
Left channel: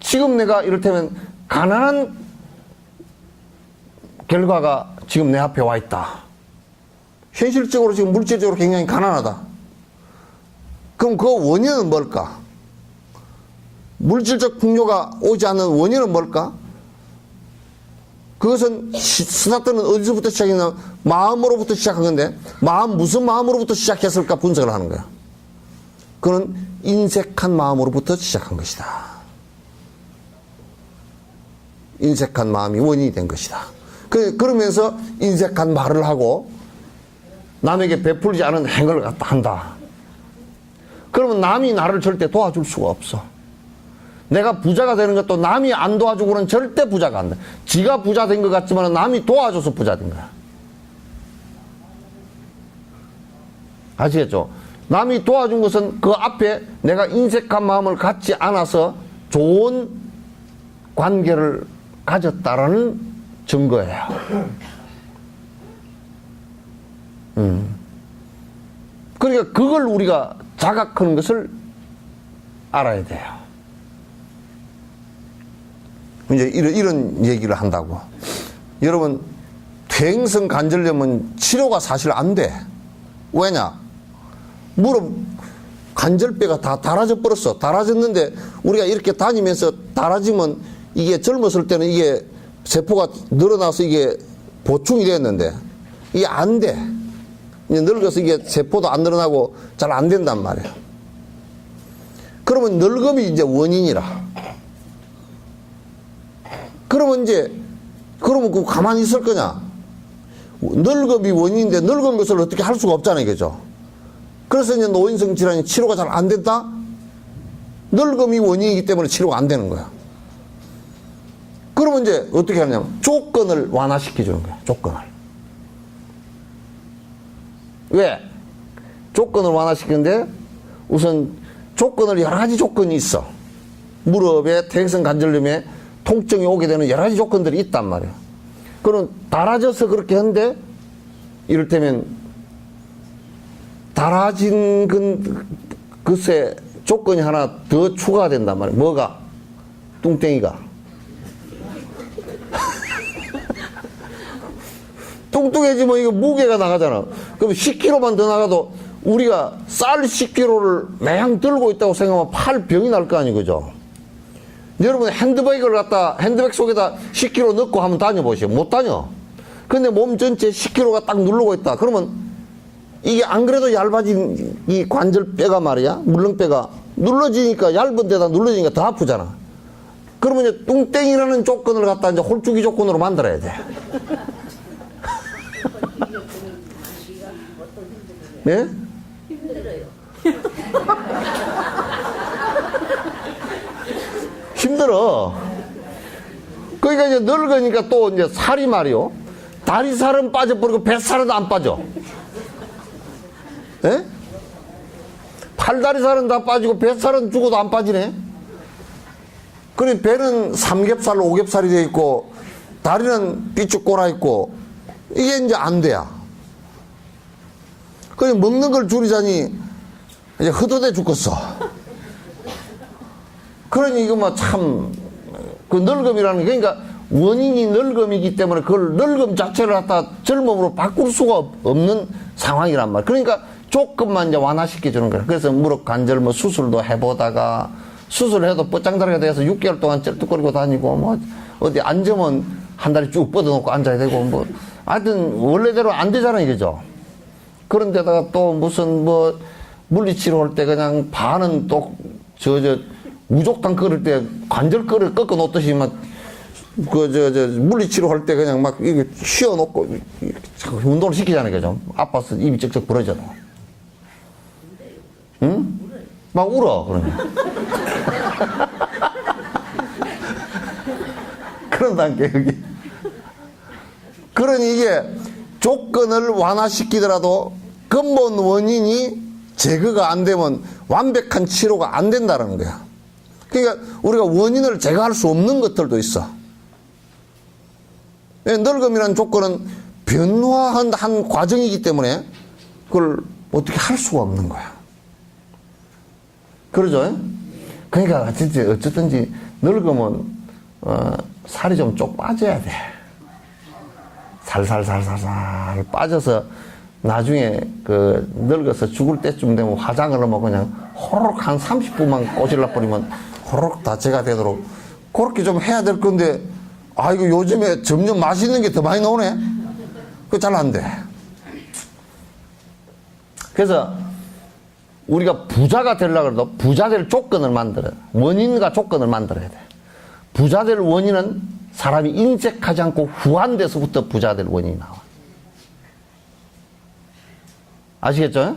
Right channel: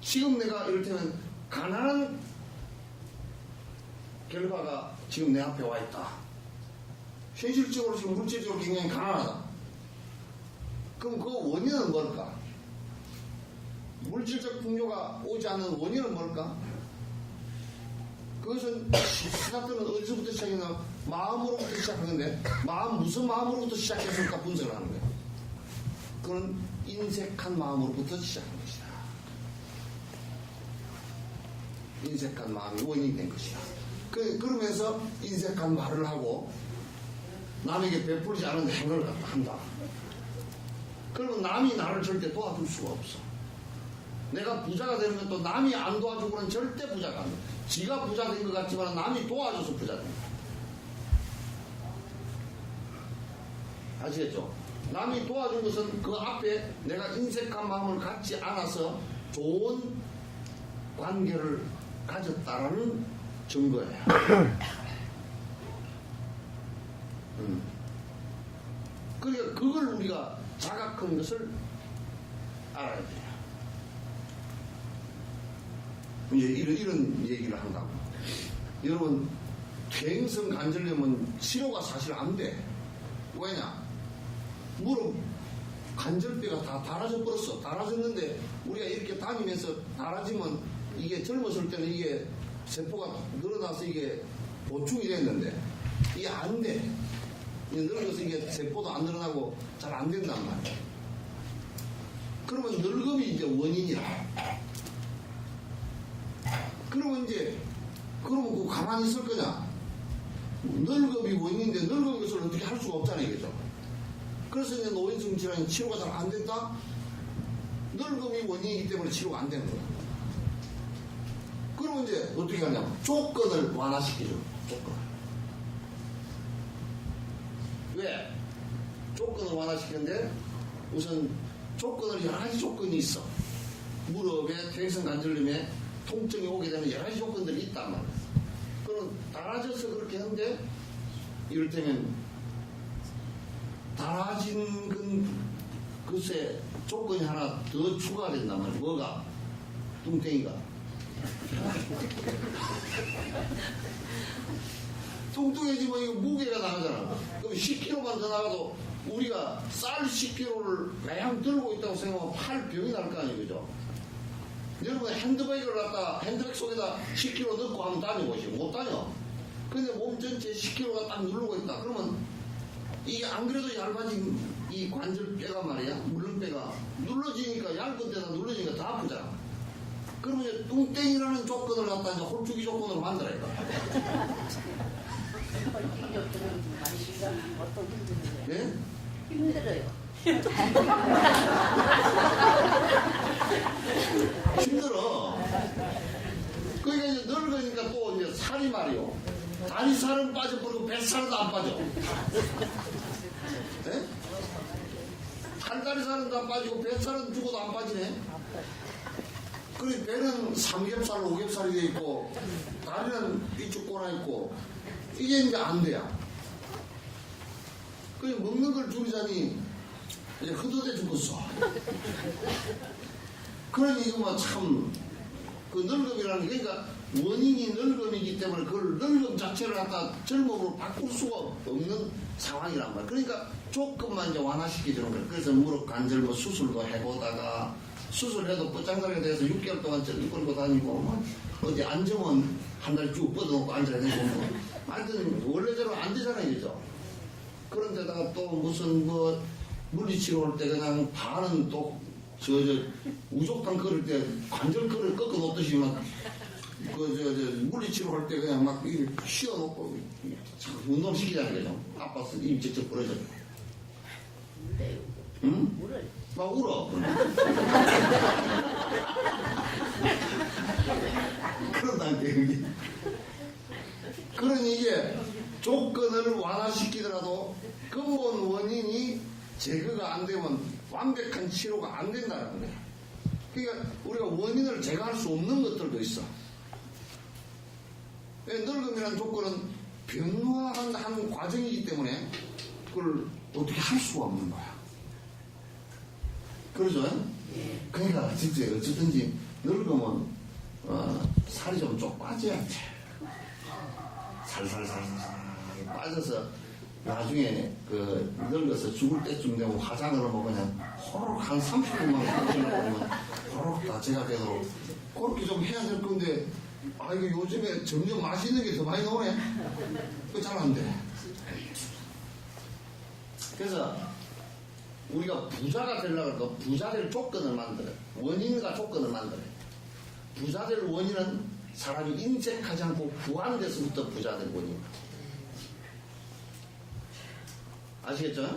지금 내가 이를테면 가난한 결과가 지금 내 앞에 와 있다. 현실적으로 지금 물질적으로 굉장히 가난하다. 그럼 그 원인은 뭘까? 물질적 풍요가 오지 않는 원인은 뭘까? 그것은 스타트는 어디서부터 시작했나? 마음으로부터 시작한 건데, 무슨 마음으로부터 시작했을까 분석을 하는 거야. 그는 인색한 마음으로부터 시작한 것이다. 인색한 마음이 원인이 된 것이다. 그러면서 인색한 말을 하고 남에게 베풀지 않은 행을 갖다 한다. 그러면 남이 나를 절대 도와줄 수가 없어. 내가 부자가 되는 것도 남이 안 도와주고는 절대 부자가 안 돼. 지가 부자 된 것 같지만 남이 도와줘서 부자 된 거야. 아시겠죠? 남이 도와준 것은 그 앞에 내가 인색한 마음을 갖지 않아서 좋은 관계를 가졌다라는 증거예요. 그러니까 그걸 우리가 자각하는 것을 알아야 돼요. 이제 이런 얘기를 한다고. 여러분, 퇴행성 관절염은 치료가 사실 안 돼. 왜냐? 무릎 관절뼈가 다 닳아져 버렸어. 닳아졌는데 우리가 이렇게 다니면서 닳아지면 이게 젊었을 때는 이게 세포가 늘어나서 이게 보충이 됐는데 이게 안 돼. 이제 늙어서 이게 세포도 안 늘어나고 잘 안 된단 말이야. 그러면 늙음이 이제 원인이라. 그러면 그 가만히 있을 거냐? 늙음이 원인인데 늙은 것을 어떻게 할 수가 없잖아요. 그죠? 그래서 이제 노인성 질환이 치료가 잘 안 된다? 늙음이 원인이기 때문에 치료가 안 되는 거야. 그러면 이제 어떻게 하냐면 조건을 완화시켜주는 거야. 조건을. 왜? 조건을 완화시키는데 우선 조건을 여러 가지 조건이 있어. 무릎에 퇴행성 관절염에 통증이 오게 되는 여러 가지 조건들이 있단 말이야. 그럼 달아져서 그렇게 하는데 이를테면 달아진 글쎄 조건이 하나 더 추가된단 말이야. 뭐가? 뚱땡이가. 뚱뚱해지면 이거 무게가 나가잖아. 그럼 10kg만 더 나가도 우리가 쌀 10kg를 매양 들고 있다고 생각하면 팔 병이 날 거 아니에요. 그죠? 여러분 핸드백 속에다 10kg 넣고 한번 다녀보시오. 못 다녀. 근데 몸 전체에 10kg가 딱 누르고 있다. 그러면 이게 안 그래도 얇아진 이 관절뼈가 말이야, 물렁뼈가 눌러지니까, 얇은 데다 눌러지니까 더 아프잖아. 그러면 이제 뚱땡이라는 조건을 갖다 이제 홀쭉이 조건으로 만들어야 돼. 예? 힘들어요. 힘들어. 그러니까 이제 늙으니까 또 이제 살이 말이요. 다리살은 빠져버리고 뱃살은 안 빠져. 예? 팔다리살은 다 빠지고 뱃살은 죽어도 안 빠지네. 그래 배는 삼겹살, 오겹살이 돼 있고 다리는 삐쭉 꼬라 있고 이게 이제 안 돼야. 그래 먹는 걸 줄이자니 이제 흩어대 죽겠어. 그러니 이거 뭐 참 그 늙음이라는 게, 그러니까 원인이 늙음이기 때문에 그걸 늙음 자체를 갖다 젊음으로 바꿀 수가 없는 상황이란 말이야. 그러니까 조금만 이제 완화시켜 주는 거야. 그래서 무릎 관절 뭐 수술도 해보다가, 수술해도 뻗장다리가 돼서 6개월 동안 쩔뚝거리고 다니고, 뭐 어디 앉으면 한 다리 쭉 뻗어놓고 앉아야 되고, 뭐 하여튼 원래대로 안 되잖아 이거죠. 그런데다가 또 무슨 뭐 물리치료 할 때 그냥 반은 또 우족당 끓을 때 관절 끓을 꺾어 놓듯이 막 물리치료 할 때 그냥 막 이게 휘어 놓고 운동을 시키잖아요, 그죠? 아파서 입이 쩍쩍 부러져. 응? 막 울어, 그러면. 그런다니까, 여기. 그러니 이게 조건을 완화시키더라도 근본 원인이 제거가 안 되면 완벽한 치료가 안 된다는 거야. 그러니까 우리가 원인을 제거할 수 없는 것들도 있어. 늙음이라는 조건은 변화한 한 과정이기 때문에 그걸 어떻게 할 수가 없는 거야. 그러죠? 그러니까 진짜 어쨌든지 늙으면 살이 좀 쪽 빠져야 돼. 살살 빠져서 나중에 그 늙어서 죽을 때쯤 되면 화장을 하면 그냥 호로록 한 30분만 꼬질러 버리면 호로록 다제가 되도록 그렇게 좀 해야 될 건데, 아 이거 요즘에 점점 맛있는 게 더 많이 나오네. 그거 잘 안 돼. 그래서 우리가 부자가 되려고 해도 부자 될 조건을 만들어요. 원인과 조건을 만들어야 돼. 부자 될 원인은 사람이 인색하지 않고 후한 데서부터 부자 될 원인이 나와. 아시겠죠?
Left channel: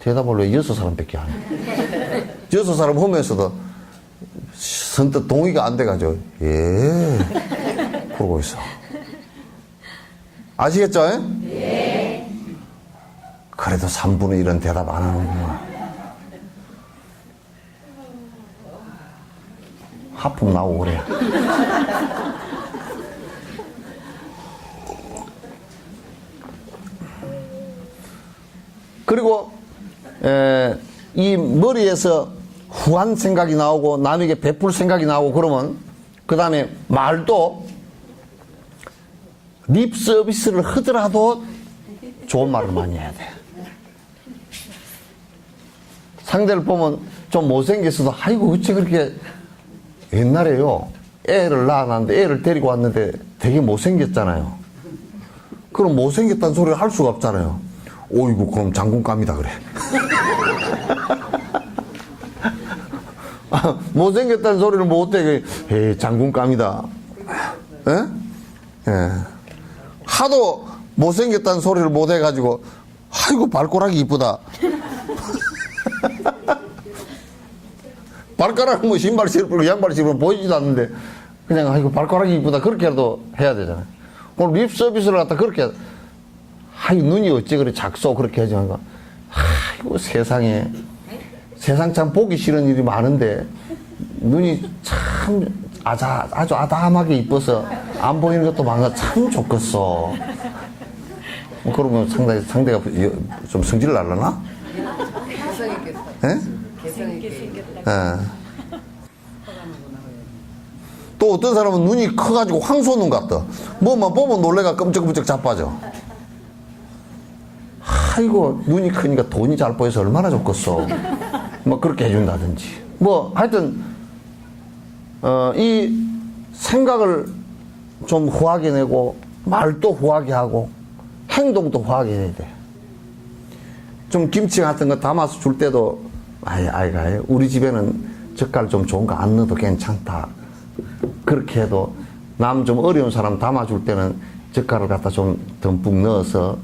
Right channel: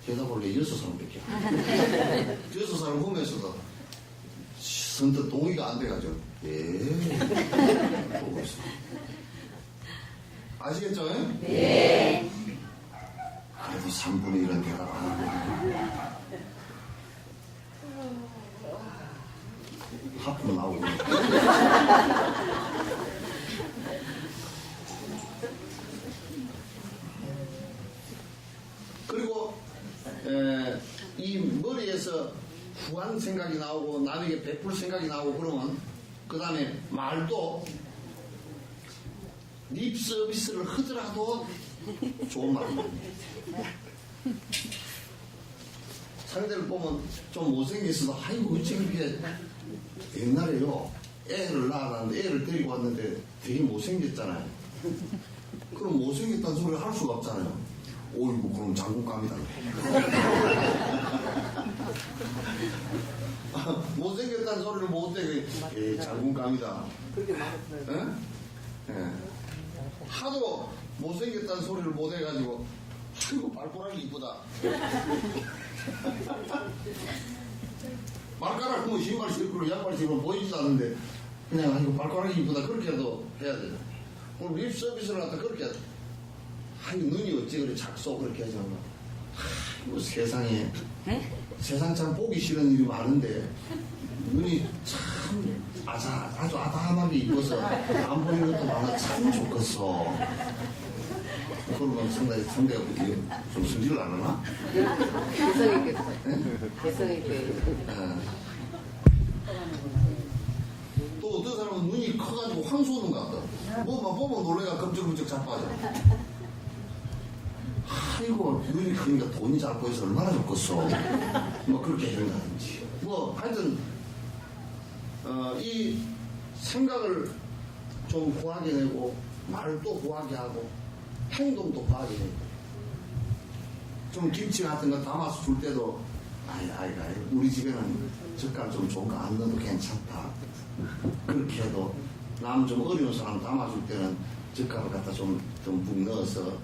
대답을 왜 6사람밖에 안 해? 6사람 하면서도 선뜻 동의가 안 돼가지고, 예, 그러고 있어. 아시겠죠? 네. 그래도 3분의 1은 대답 안 하는구나. 하품 나오고 그래. 그리고 이 머리에서 후한 생각이 나오고 남에게 베풀 생각이 나오고 그러면 그 다음에 말도 립 서비스를 하더라도 좋은 말을 많이 해야 돼. 상대를 보면 좀 못생겼어도 아이고 어째 그렇게, 옛날에요 애를 낳았는데 애를 데리고 왔는데 되게 못생겼잖아요. 그럼 못생겼다는 소리를 할 수가 없잖아요. 오이고 그럼 장군감이다 그래. 못생겼다는 소리를 못해. 에이 장군감이다. 예? 예. 하도 못생겼다는 소리를 못해가지고 아이고 발가락이 이쁘다. 발가락은 뭐 신발 신고 양발 신고 보이지도 않는데 그냥 아이고 발가락이 이쁘다 그렇게라도 해야 되잖아요. 오늘 립 서비스를 갖다 그렇게, 아이 눈이 어째 그래 작소 그렇게 하지 말고, 아이고 세상에, 세상 참 보기 싫은 일이 많은데 눈이 참 아주 아담하게 이뻐서 안 보이는 것도 많아 참 좋겠어. 그러면 상대가 좀 성질 날라나? 예? 예. 또 어떤 사람은 눈이 커가지고 황소눈 같다. 뭐만 보면 놀래가 끔찍끔찍 자빠져. 아이고 눈이 크니까 돈이 잘 보여서 얼마나 좋겠어. 뭐 그렇게 해준다든지. 뭐 하여튼 이 생각을 좀 후하게 내고, 말도 후하게 하고, 행동도 후하게 해야 돼. 좀 김치 같은 거 담아서 줄 때도, 아이가, 우리 집에는 젓갈 좀 좋은 거 안 넣어도 괜찮다. 그렇게 해도, 남 좀 어려운 사람 담아줄 때는 젓갈을 갖다 좀 듬뿍 넣어서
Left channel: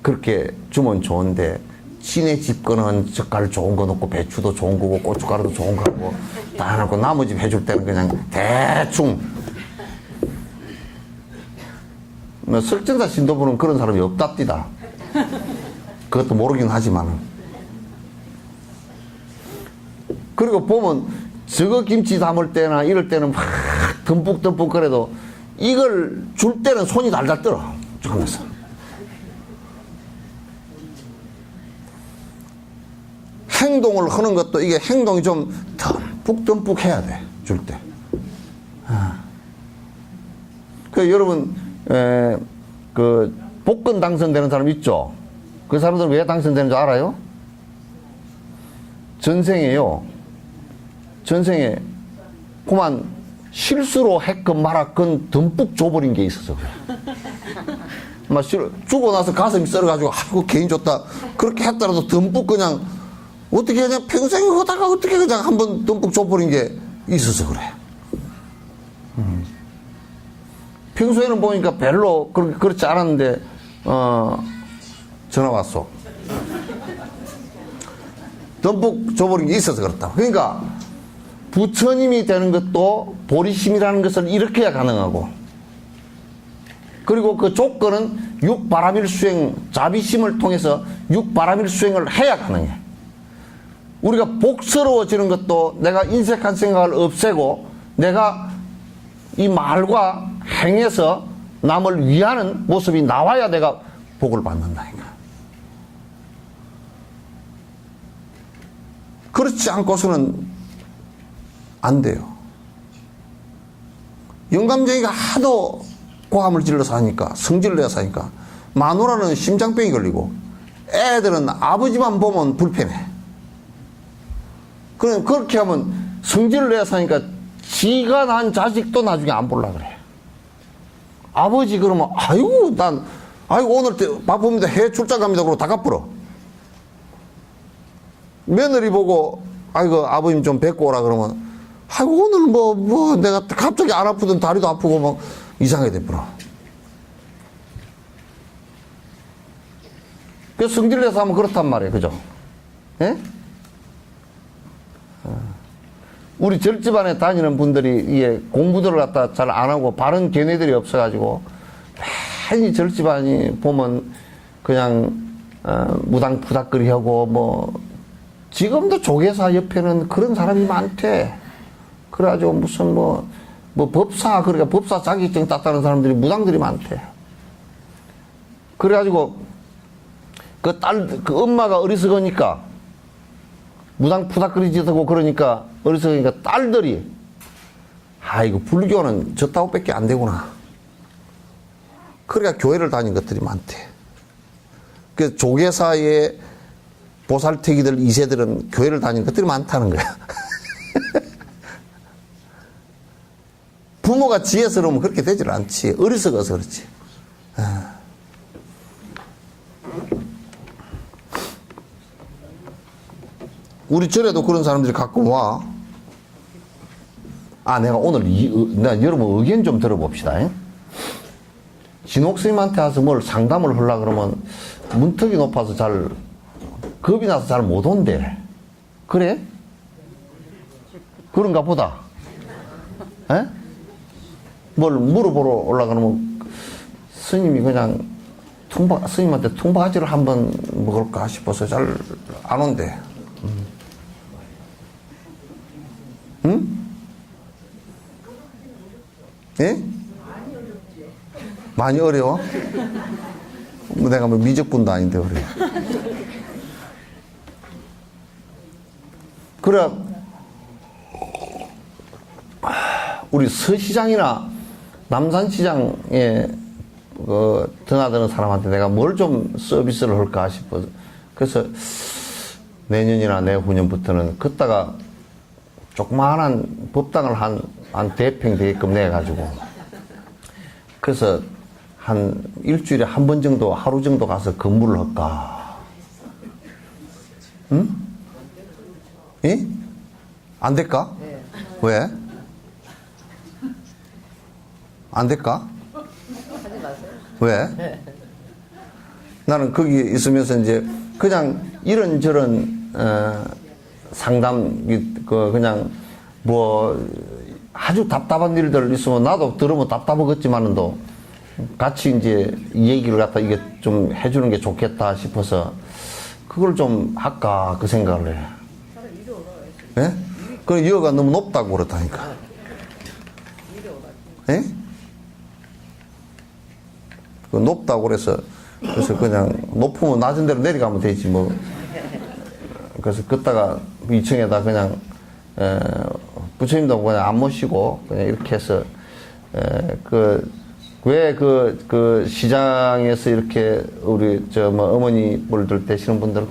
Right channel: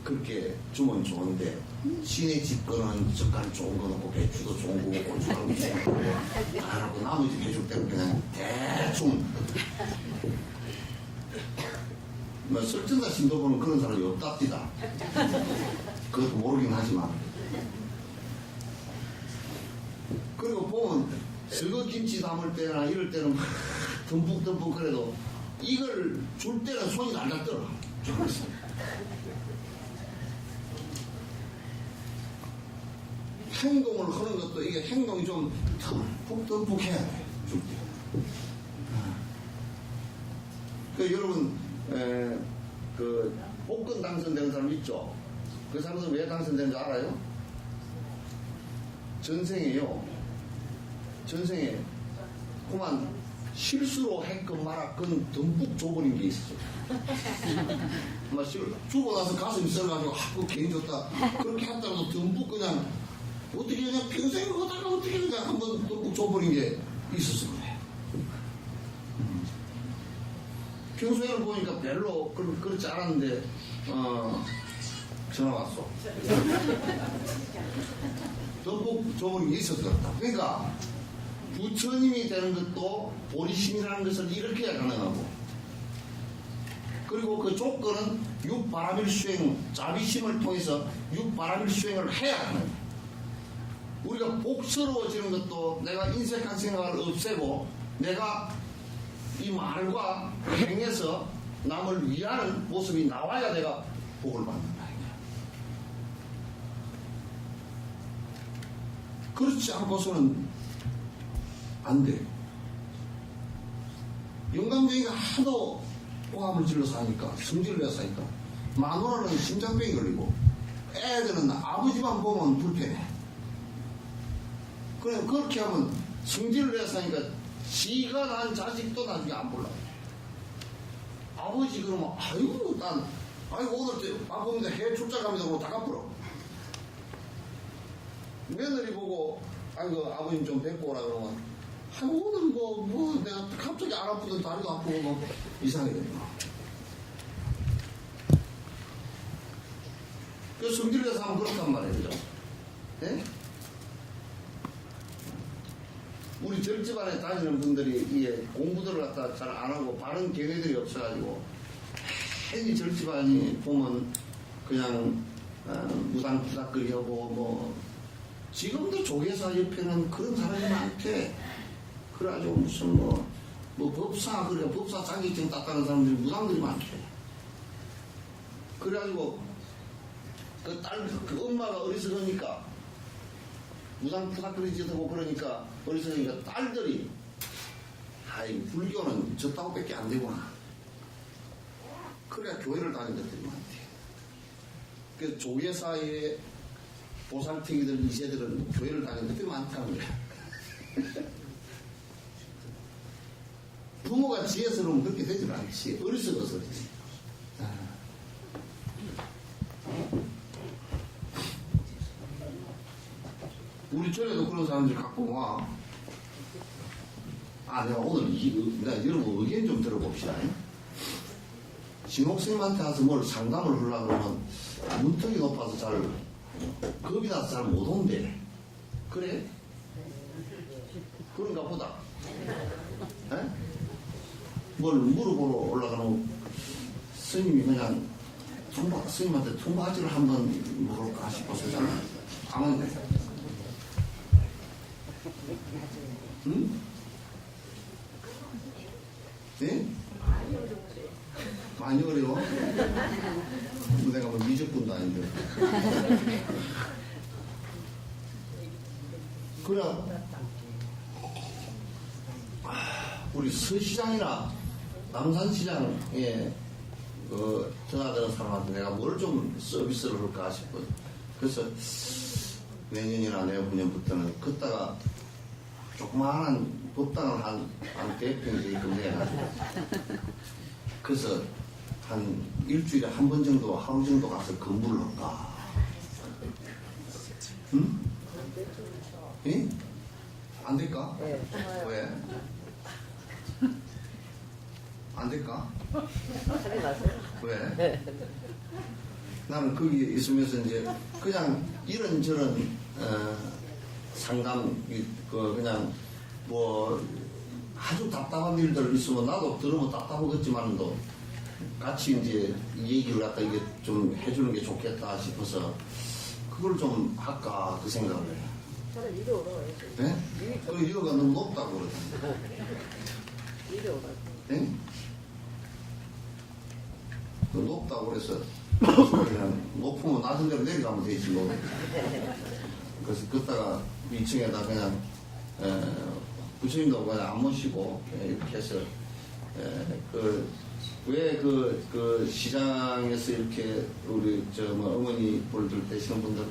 그렇게 주면 좋은데, 지네 집 거는 젓갈 좋은 거 넣고 배추도 좋은 거고 고춧가루도 좋은 거 하고 다 해놓고 나머지 해줄 때는 그냥 대충. 뭐 설정사 신도부는 그런 사람이 없답디다. 그것도 모르긴 하지만. 그리고 보면 저거 김치 담을 때나 이럴 때는 막 듬뿍듬뿍 그래도 이걸 줄 때는 손이 달달 떨어 하면서. 행동을 하는 것도 이게 행동이 좀 듬뿍듬뿍 해야 돼, 줄 때. 그 여러분, 그 복권 당선되는 사람 있죠? 그 사람들은 왜 당선되는 줄 알아요? 전생에요. 전생에 그만 실수로 했건 말았건 듬뿍 줘버린 게 있어서 그래. 막 주고 나서 가슴이 썰어가지고 아이고 괜히 줬다. 그렇게 했더라도 듬뿍 그냥 어떻게 그냥 평생에 하다가 어떻게 그냥 한번 듬뿍 줘버린 게 있어서 그래. 평소에는 보니까 별로 그렇지 않았는데, 전화 왔어. 듬뿍 줘버린 게 있어서 그렇다. 그러니까, 부처님이 되는 것도 보리심이라는 것을 일으켜야 가능하고, 그리고 그 조건은 육바라밀수행, 자비심을 통해서 육바라밀수행을 해야 가능해. 우리가 복스러워지는 것도 내가 인색한 생각을 없애고 내가 이 말과 행해서 남을 위하는 모습이 나와야 내가 복을 받는다니까. 그렇지 않고서는 안 돼요. 영감쟁이가 하도 고함을 질러서 하니까, 성질을 내서 하니까 마누라는 심장병이 걸리고 애들은 아버지만 보면 불편해. 그렇게 하면 성질을 내서 하니까 지가 난 자식도 나중에 안 볼라 그래. 아버지 그러면 아이고 오늘 바쁩니다. 해외 출장 갑니다. 그러고 다 갚으러. 며느리 보고 아이고 아버님 좀 뵙고 오라 그러면 아이고 오늘 뭐 내가 갑자기 안 아프던 다리도 아프고 막 이상하게 돼버려. 그래서 성질 내서 하면 그렇단 말이에요. 그죠? 예? 우리 절집안에 다니는 분들이 이게 공부들을 갖다 잘 안 하고 바른 견해들이 없어가지고 많이 절집안이 보면 그냥 무당푸닥거리 하고 뭐 지금도 조계사 옆에는 그런 사람이 많대. 그래가지고 무슨 뭐 법사, 그러니까 법사 자격증 땄다는 사람들이 무당들이 많대. 그래가지고 그 엄마가 어리석으니까 무당 푸닥거리지도 그러니까 어리석으니까 딸들이 이거 불교는 저따구밖에 안 되구나. 그러니까 교회를 다닌 것들이 많대. 그래서 조계사의 보살태기들 2세들은 교회를 다닌 것들이 많다는 거야. 부모가 지혜스러우면 그렇게 되질 않지. 어리석어서 그렇지. 우리 절에도 그런 사람들이 가끔 와. 내가 오늘 여러분 의견 좀 들어봅시다. 진옥스님한테 와서 뭘 상담을 하려고 그러면 문턱이 높아서 겁이 나서 잘 못 온대. 그래? 그런가 보다. 에? 뭘 물어보러 올라가면 스님이 그냥 스님한테 통바지를 한번 먹을까 싶어서 잘 안 온대. 응? 예? 많이 어려워? 내가 뭐 미적분도 아닌데 그래. 그래, 우리 서시장이나 남산시장에 드나드는 사람한테 내가 뭘 좀 서비스를 할까 싶어서. 그래서 내년이나 내후년부터는 걷다가 조그마한 법당을 한 대평 되게끔 내가지고 그래서 한 일주일에 한 번 정도, 하루 정도 가서 근무를 할까? 응? 예? 안 될까? 왜? 안 될까? 왜? 나는 거기 있으면서 이제 그냥 이런저런 상담 그냥 뭐 아주 답답한 일들 있으면 나도 들으면 답답하겠지만도 같이 이제 이 얘기를 갖다 이게 좀 해주는 게 좋겠다 싶어서 그걸 좀 할까 그 생각을 해. 예? 그 여가 너무 높다고 그렇다니까. 예? 그 높다고 그래서 그냥 높으면 낮은 데로 내려가면 되지 뭐. 그래서 걷다가 2층에다 그냥 부처님도 그냥 안 모시고 그냥 이렇게 해서 왜 그 시장에서 이렇게 우리 저 뭐 어머니분들 되시는 분들은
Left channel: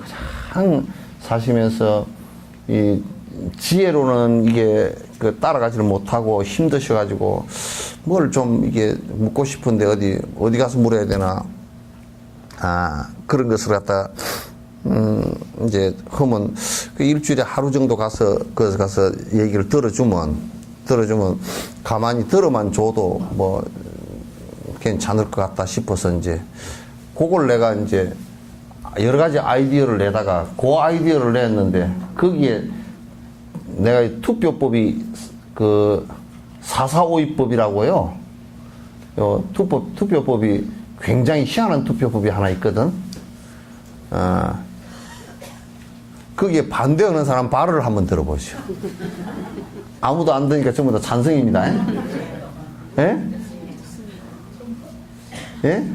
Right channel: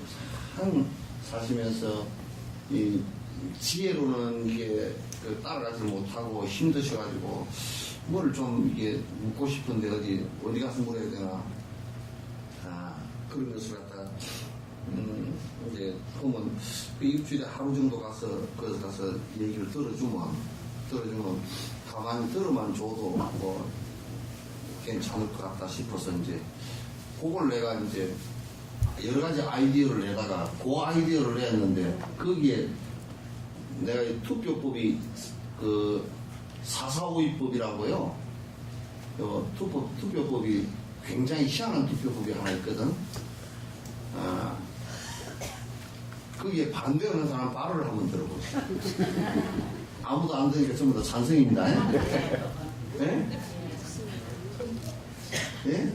가장 사시면서 이 지혜로는 이게 그 따라가지를 못하고 힘드셔가지고 뭘 좀 이게 묻고 싶은데 어디 가서 물어야 되나 그런 것을 갖다 이제 하면 그 일주일에 하루 정도 가서 얘기를 들어주면 가만히 들어만 줘도 뭐 괜찮을 것 같다 싶어서 이제 그걸 내가 이제 여러 가지 아이디어를 내다가 그 아이디어를 냈는데 거기에 내가 투표법이 그 4452법이라고요. 투표법이 굉장히 희한한 투표법이 하나 있거든. 거기에 반대하는 사람 발언을 한번 들어보시오. 아무도 안 되니까 전부 다 찬성입니다. 예? 예?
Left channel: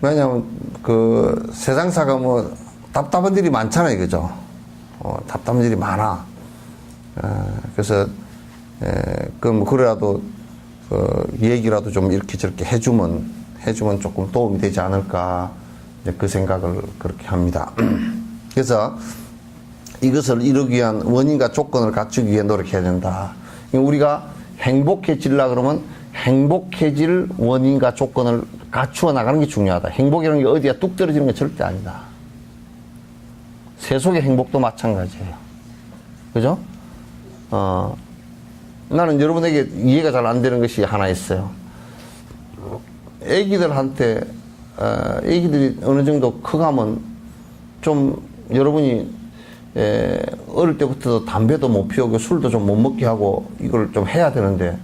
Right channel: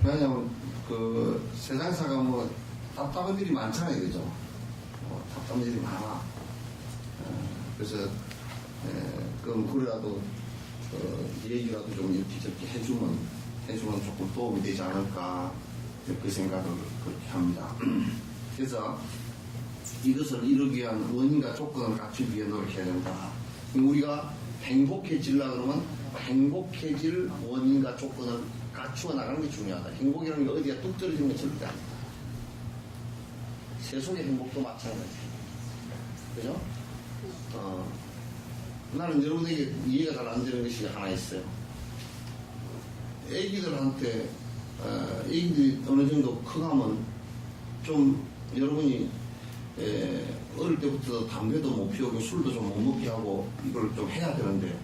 왜냐면 그 세상사가 뭐 답답한 일이 많잖아요, 그죠? 답답한 일이 많아. 그래서 그럼 그래도 얘기라도 좀 이렇게 저렇게 해주면 조금 도움이 되지 않을까 그 생각을 그렇게 합니다. 그래서 이것을 이루기 위한 원인과 조건을 갖추기 위해 노력해야 된다. 우리가 행복해지려 그러면 행복해질 원인과 조건을 갖추어 나가는 게 중요하다. 행복이라는 게 어디야 뚝 떨어지는 게 절대 아니다. 세속의 행복도 마찬가지예요. 그죠? 나는 여러분에게 이해가 잘 안 되는 것이 하나 있어요. 애기들한테, 애기들이 어느 정도 커가면 좀 여러분이 어릴 때부터 담배도 못 피우고 술도 좀 못 먹게 하고 이걸 좀 해야 되는데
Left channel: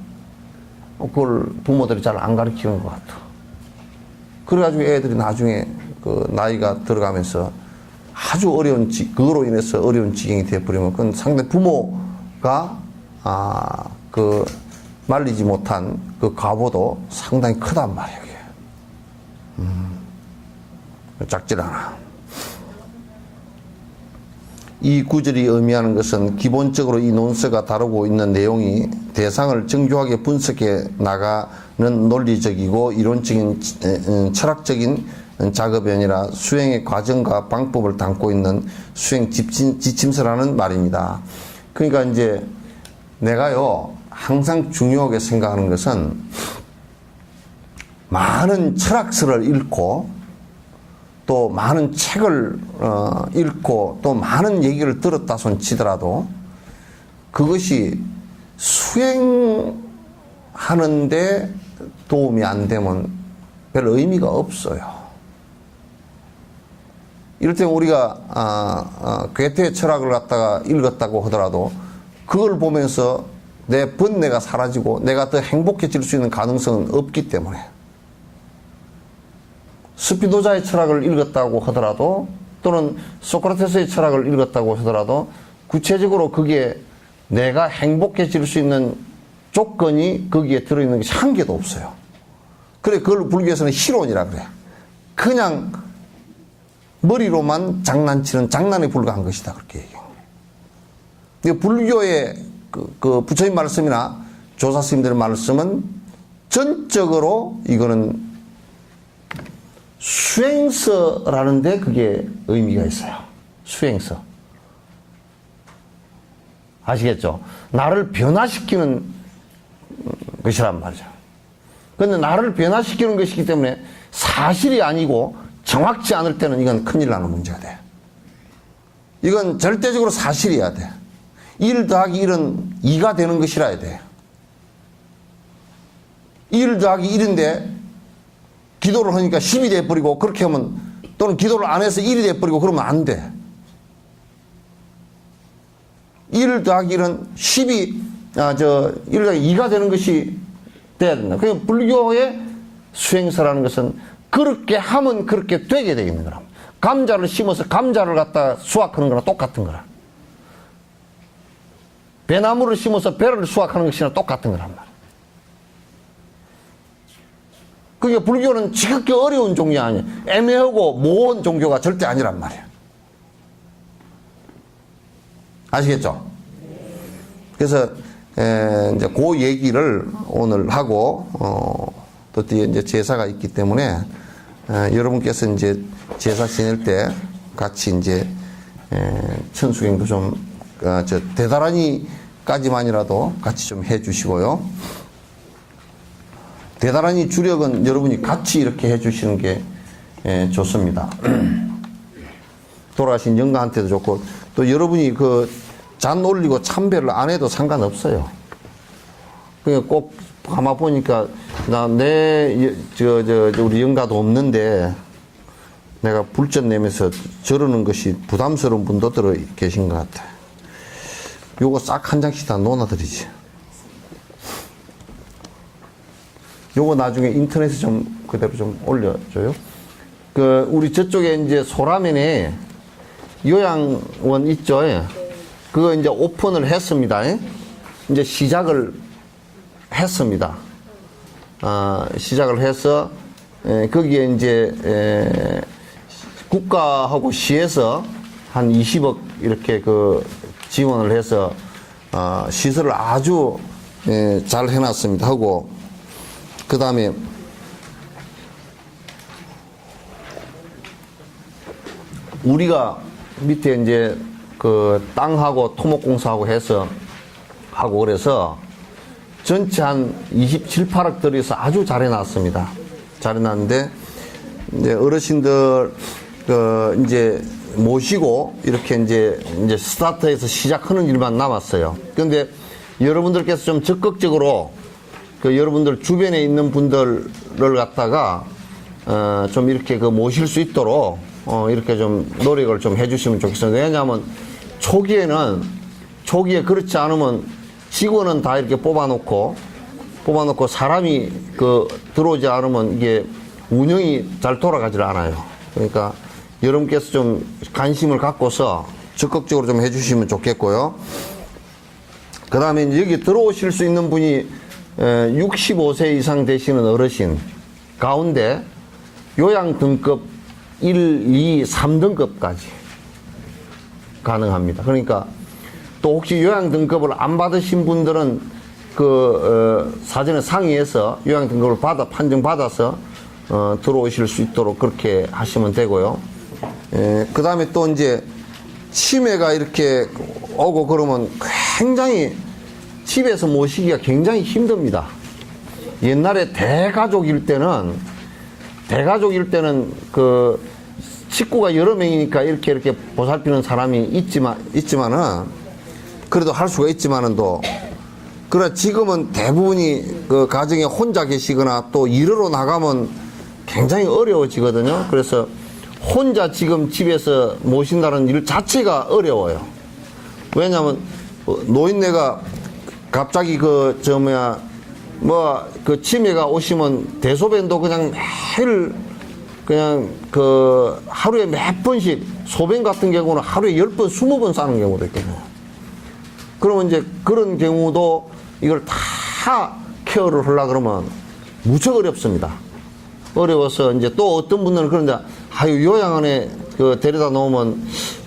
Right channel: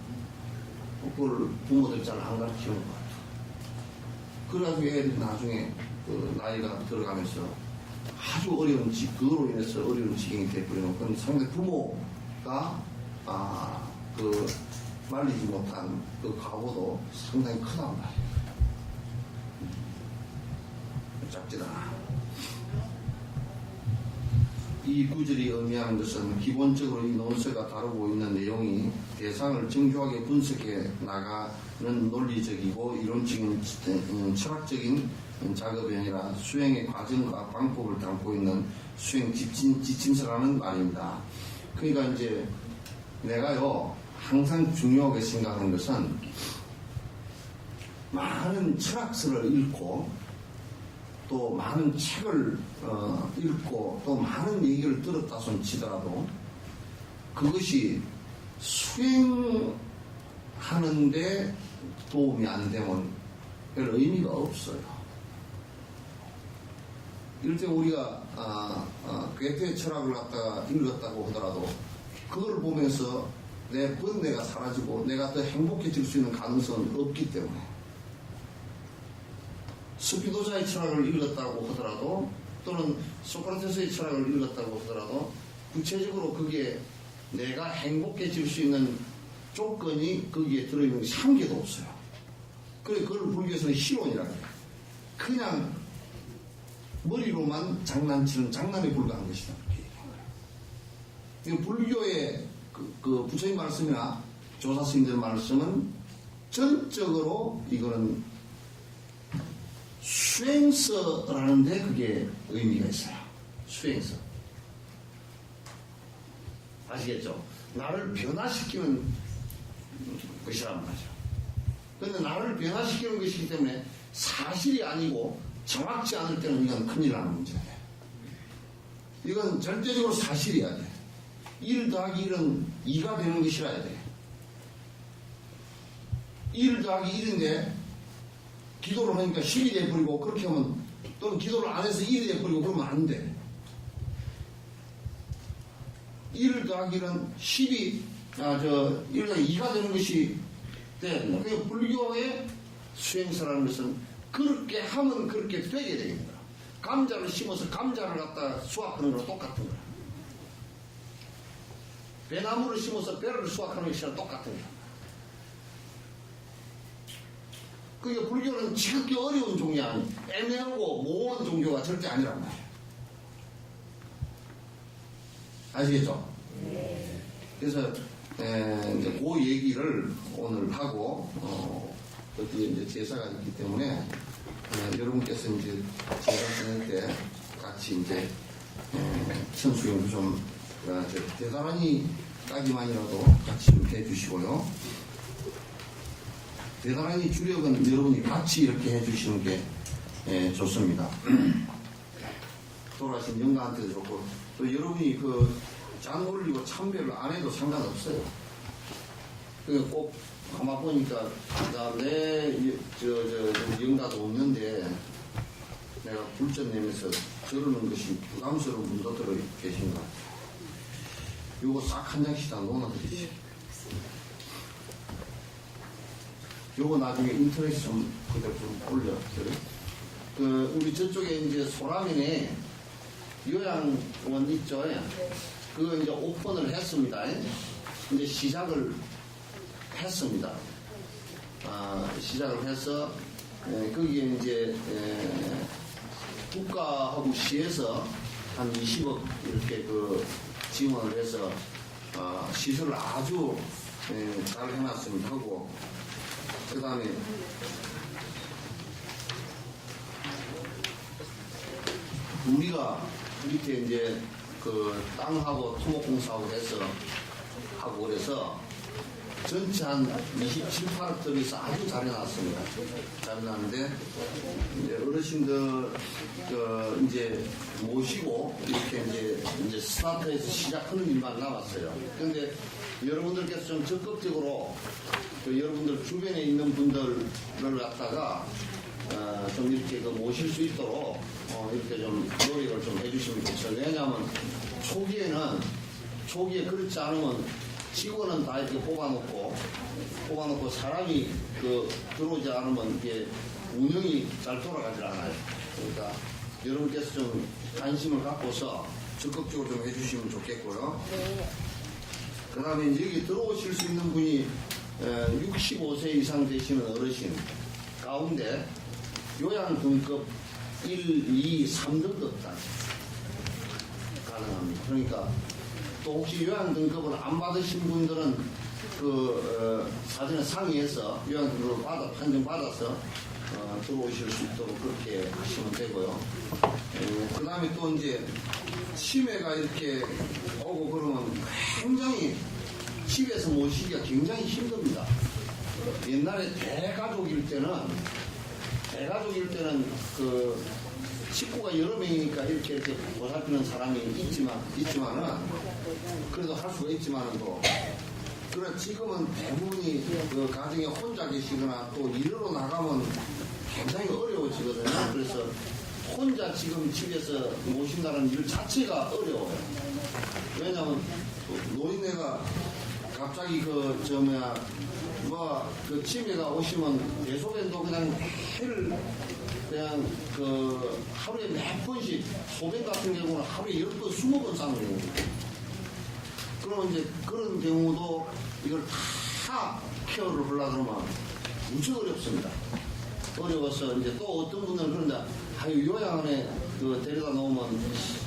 그걸 부모들이 잘 안 가르치는 것 같아. 그래가지고 애들이 나중에 그 나이가 들어가면서 아주 어려운 그거로 인해서 어려운 지경이 되어버리면 그건 상대 부모가 그 말리지 못한 그 과보도 상당히 크단 말이에요. 작질 않아. 이 구절이 의미하는 것은 기본적으로 이 논서가 다루고 있는 내용이 대상을 정교하게 분석해 나가는 논리적이고 이론적인 철학적인 작업이 아니라 수행의 과정과 방법을 담고 있는 수행 지침서라는 말입니다. 그러니까 이제 내가요 항상 중요하게 생각하는 것은 많은 철학서를 읽고 또 많은 책을 읽고 또 많은 얘기를 들었다 손 치더라도 그것이 수행하는데 도움이 안 되면 별 의미가 없어요. 이럴 때 우리가 괴테의 철학을 갖다가 읽었다고 하더라도 그걸 보면서 내 번뇌가 사라지고 내가 더 행복해질 수 있는 가능성은 없기 때문에 스피노자의 철학을 읽었다고 하더라도 또는 소크라테스의 철학을 읽었다고 하더라도 구체적으로 그게 내가 행복해질 수 있는 조건이 거기에 들어있는 것이 한 개도 없어요. 그래 그걸 불교에서는 희론이라 그래. 그냥 머리로만 장난치는 장난에 불과한 것이다 그렇게 얘기해요. 불교의 그 부처님 말씀이나 조사 스님들 말씀은 전적으로 이거는 수행서라는데 그게 의미가 있어요. 수행서. 아시겠죠? 나를 변화시키는 것이란 말이죠. 근데 나를 변화시키는 것이기 때문에 사실이 아니고 정확치 않을 때는 이건 큰일 나는 문제가 돼. 이건 절대적으로 사실이어야 돼. 1 더하기 1은 2가 되는 것이라야 돼. 1 더하기 1인데 기도를 하니까 10이 돼버리고 그렇게 하면, 또는 기도를 안 해서 1이 돼버리고 그러면 안 돼. 1 더하기 1은 10이 1 더하기 2가 되는 것이 돼야 된다. 그러니까 불교의 수행사라는 것은 그렇게 하면 그렇게 되게 되어 있는 거라. 감자를 심어서 감자를 갖다 수확하는 거랑 똑같은 거라. 배나무를 심어서 배를 수확하는 것이랑 똑같은 거란 말이야. 그러니까 불교는 지극히 어려운 종교가 아니야. 애매하고 모호한 종교가 절대 아니란 말이야. 아시겠죠? 그래서 이제 그 얘기를 오늘 하고 또 뒤에 이제 제사가 있기 때문에 여러분께서 이제 제사 지낼 때 같이 이제 천수행도 좀 대다라니까지만이라도 같이 좀 해주시고요. 대다라니 주력은 여러분이 같이 이렇게 해주시는 게 좋습니다. 돌아가신 영가한테도 좋고, 또 여러분이 그 잔 올리고 참배를 안 해도 상관없어요. 그러니까 꼭 가만 보니까 우리 영가도 없는데 내가 불전 내면서 저러는 것이 부담스러운 분도 들어 계신 것 같아. 요거 싹 한 장씩 다 놓아드리지. 요거 나중에 인터넷에 좀 그대로 좀 올려줘요. 그 우리 저쪽에 이제 소라면에 요양원 있죠. 그거 이제 오픈을 했습니다. 이제 시작을 했습니다. 시작을 해서 거기에 이제 국가하고 시에서 한 20억 이렇게 그 지원을 해서 시설을 아주 잘 해놨습니다. 하고 그 다음에 우리가 밑에 이제 그 땅하고 토목공사하고 해서 하고 그래서 전체 한 27, 8억 들여서 아주 잘 해놨습니다. 잘 해놨는데 이제 어르신들 그 이제 모시고 이렇게 이제 스타트해서 시작하는 일만 남았어요. 그런데 여러분들께서 좀 적극적으로 그 여러분들 주변에 있는 분들을 갖다가 좀 이렇게 그 모실 수 있도록 이렇게 좀 노력을 좀 해주시면 좋겠습니다. 왜냐하면 초기에 그렇지 않으면 직원은 다 이렇게 뽑아놓고 사람이 그 들어오지 않으면 이게 운영이 잘 돌아가질 않아요. 그러니까 여러분께서 좀 관심을 갖고서 적극적으로 좀 해주시면 좋겠고요. 그 다음에 여기 들어오실 수 있는 분이 65세 이상 되시는 어르신 가운데 요양 등급 1, 2, 3등급까지 가능합니다. 그러니까 또 혹시 요양 등급을 안 받으신 분들은 그 사전에 상의해서 요양 등급을 판정받아서 들어오실 수 있도록 그렇게 하시면 되고요. 그 다음에 또 이제 치매가 이렇게 오고 그러면 굉장히 집에서 모시기가 굉장히 힘듭니다. 옛날에 대가족일 때는 그 식구가 여러 명이니까 이렇게 보살피는 사람이 있지만은 그래도 할 수가 있지만은 그래 지금은 대부분이 그 가정에 혼자 계시거나 또 일하러 나가면 굉장히 어려워지거든요. 그래서 혼자 지금 집에서 모신다는 일 자체가 어려워요. 왜냐하면 노인네가 갑자기 그 치매가 오시면 대소변도 그냥 매일 그냥 그 하루에 몇 번씩 소변 같은 경우는 하루에 10번, 20번 싸는 경우도 있거든요. 그러면 이제 그런 경우도 이걸 다 케어를 하려고 그러면 무척 어렵습니다. 어려워서 이제 또 어떤 분들은 그런데 요양원에 그 데려다 놓으면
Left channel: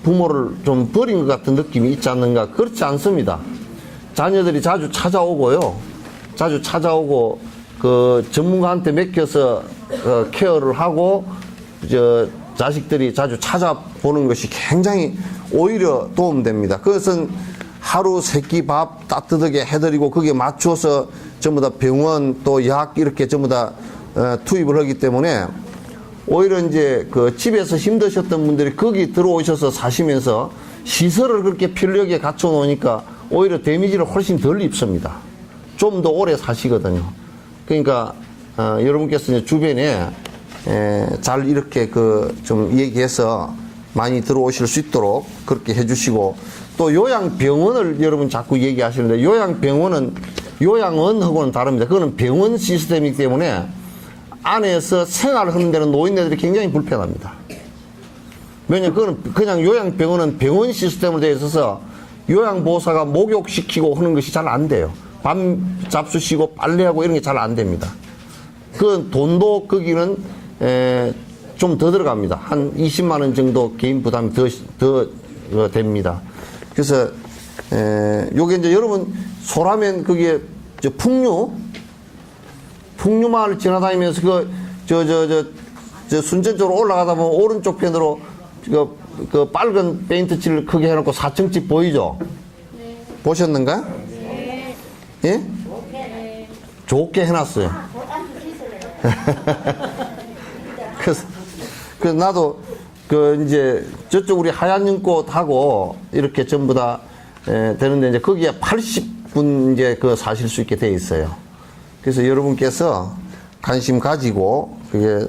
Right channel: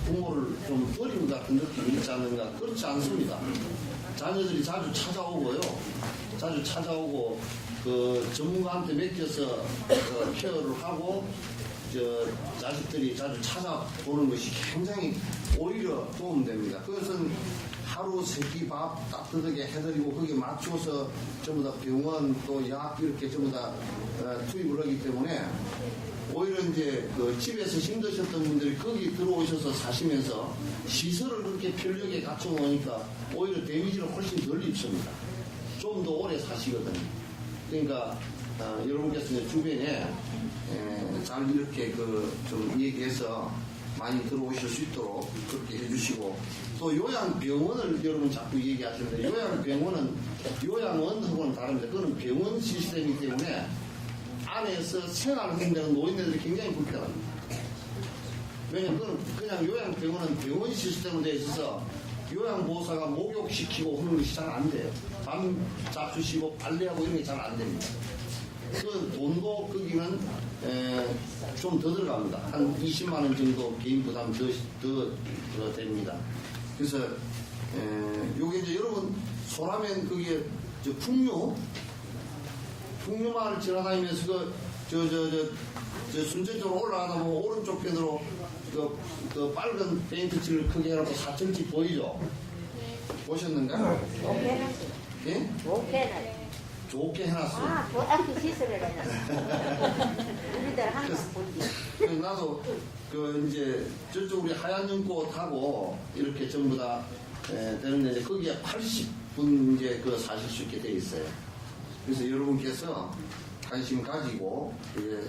부모를 좀 버린 것 같은 느낌이 있지 않는가? 그렇지 않습니다. 자녀들이 자주 찾아오고요. 자주 찾아오고 그 전문가한테 맡겨서 케어를 하고 자식들이 자주 찾아보는 것이 굉장히 오히려 도움됩니다. 그것은 하루 3끼 밥 따뜻하게 해드리고 거기에 맞춰서 전부 다 병원 또 약 이렇게 전부 다 투입을 하기 때문에 오히려 이제 그 집에서 힘드셨던 분들이 거기 들어오셔서 사시면서 시설을 그렇게 편리하게 갖춰 놓으니까 오히려 데미지를 훨씬 덜 입습니다. 좀 더 오래 사시거든요. 그러니까 여러분께서 이제 주변에 잘 이렇게 그 좀 얘기해서 많이 들어오실 수 있도록 그렇게 해주시고, 또 요양병원을 여러분 자꾸 얘기하시는데, 요양병원은 요양원하고는 다릅니다. 그거는 병원 시스템이기 때문에 안에서 생활하는 데는 노인네들이 굉장히 불편합니다. 왜냐면 그거는 그냥 요양병원은 병원 시스템으로 되어 있어서 요양보호사가 목욕시키고 하는 것이 잘 안 돼요. 밤 잡수시고 빨래하고 이런 게 잘 안 됩니다. 그 돈도 거기는 좀 더 들어갑니다. 한 20만 원 정도 개인 부담이 더 됩니다. 그래서 요게 이제 여러분 소라면 그게 저 풍류마을 지나다니면서 저 순천 쪽으로 올라가다 보면 오른쪽 편으로 그 빨간 페인트 칠을 크게 해놓고 4층집 보이죠? 네. 보셨는가? 네. 예? 네. 좋게 해놨어요. 그래서 나도 그 이제 저쪽 우리 하얀 연꽃하고 이렇게 전부 다 되는데 이제 거기에 80분 이제 그 사실 수 있게 돼 있어요. 그래서 여러분께서 관심 가지고 그게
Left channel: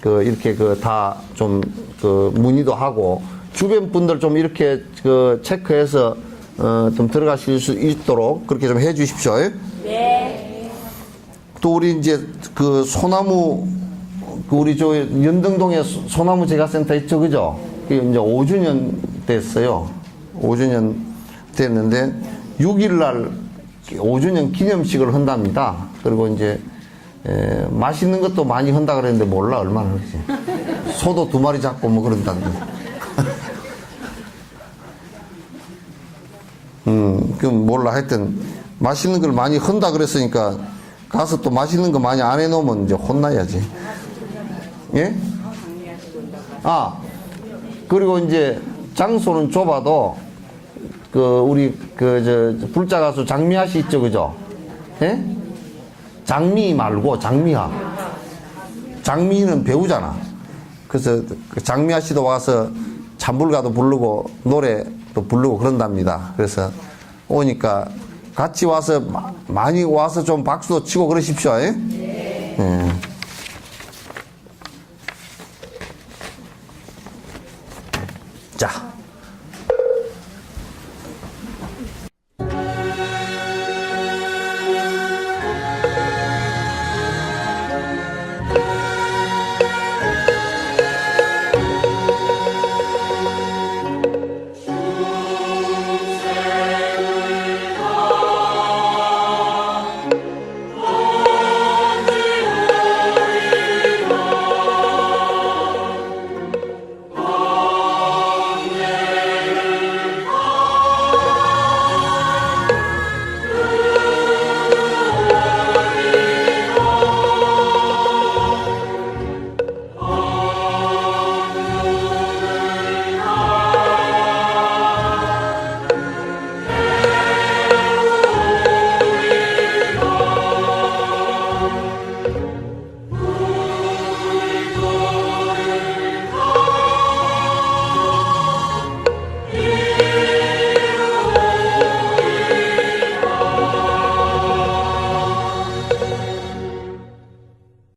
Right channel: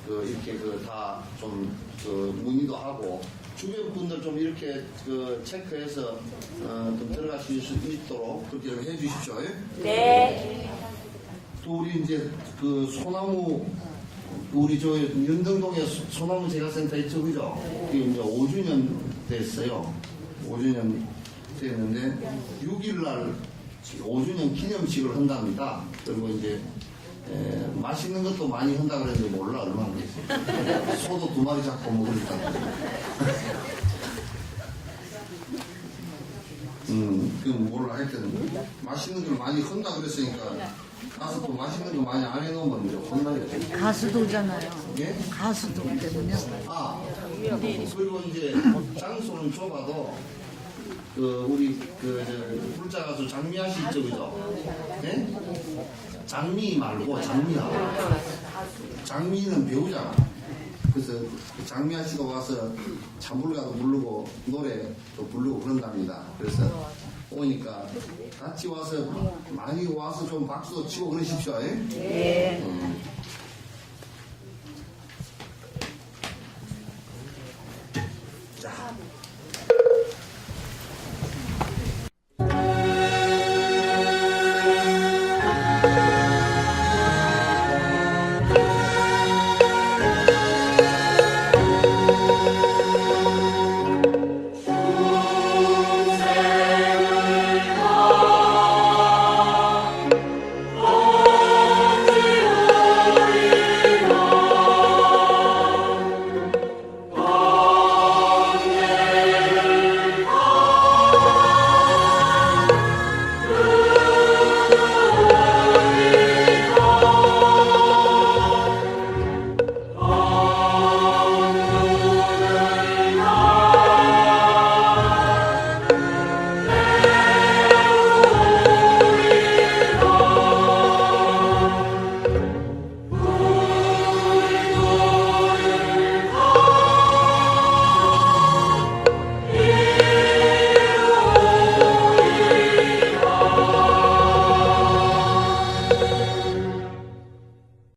그 이렇게 그 다 좀 그 문의도 하고 주변 분들 좀 이렇게 그 체크해서 좀 들어가실 수 있도록 그렇게 좀 해주십시오. 네. 또 우리 이제 그 소나무 그 우리 저 연등동에 소나무 제과센터 있죠, 그죠? 그게 이제 5주년 됐어요. 5주년 됐는데 6일날 5주년 기념식을 한답니다. 그리고 이제 맛있는 것도 많이 한다 그랬는데 몰라 얼마나 그렇지. 소도 2마리 잡고 뭐 그런다는데. 그럼 몰라. 하여튼 맛있는 걸 많이 한다 그랬으니까 가서 또 맛있는 거 많이 안 해놓으면 이제 혼나야지. 가수도잖아요. 예? 가수도. 아, 그리고 이제 장소는 좁아도 그 우리 그 저 불자 가수 장미아 씨 있죠, 그죠? 예? 장미 말고 장미아. 장미는 배우잖아. 그래서 그 장미아 씨도 와서 잠불가도 부르고 노래도 부르고 그런답니다. 그래서 오니까 같이 와서 많이 와서 좀 박수도 치고 그러십시오. 예? 네. 예.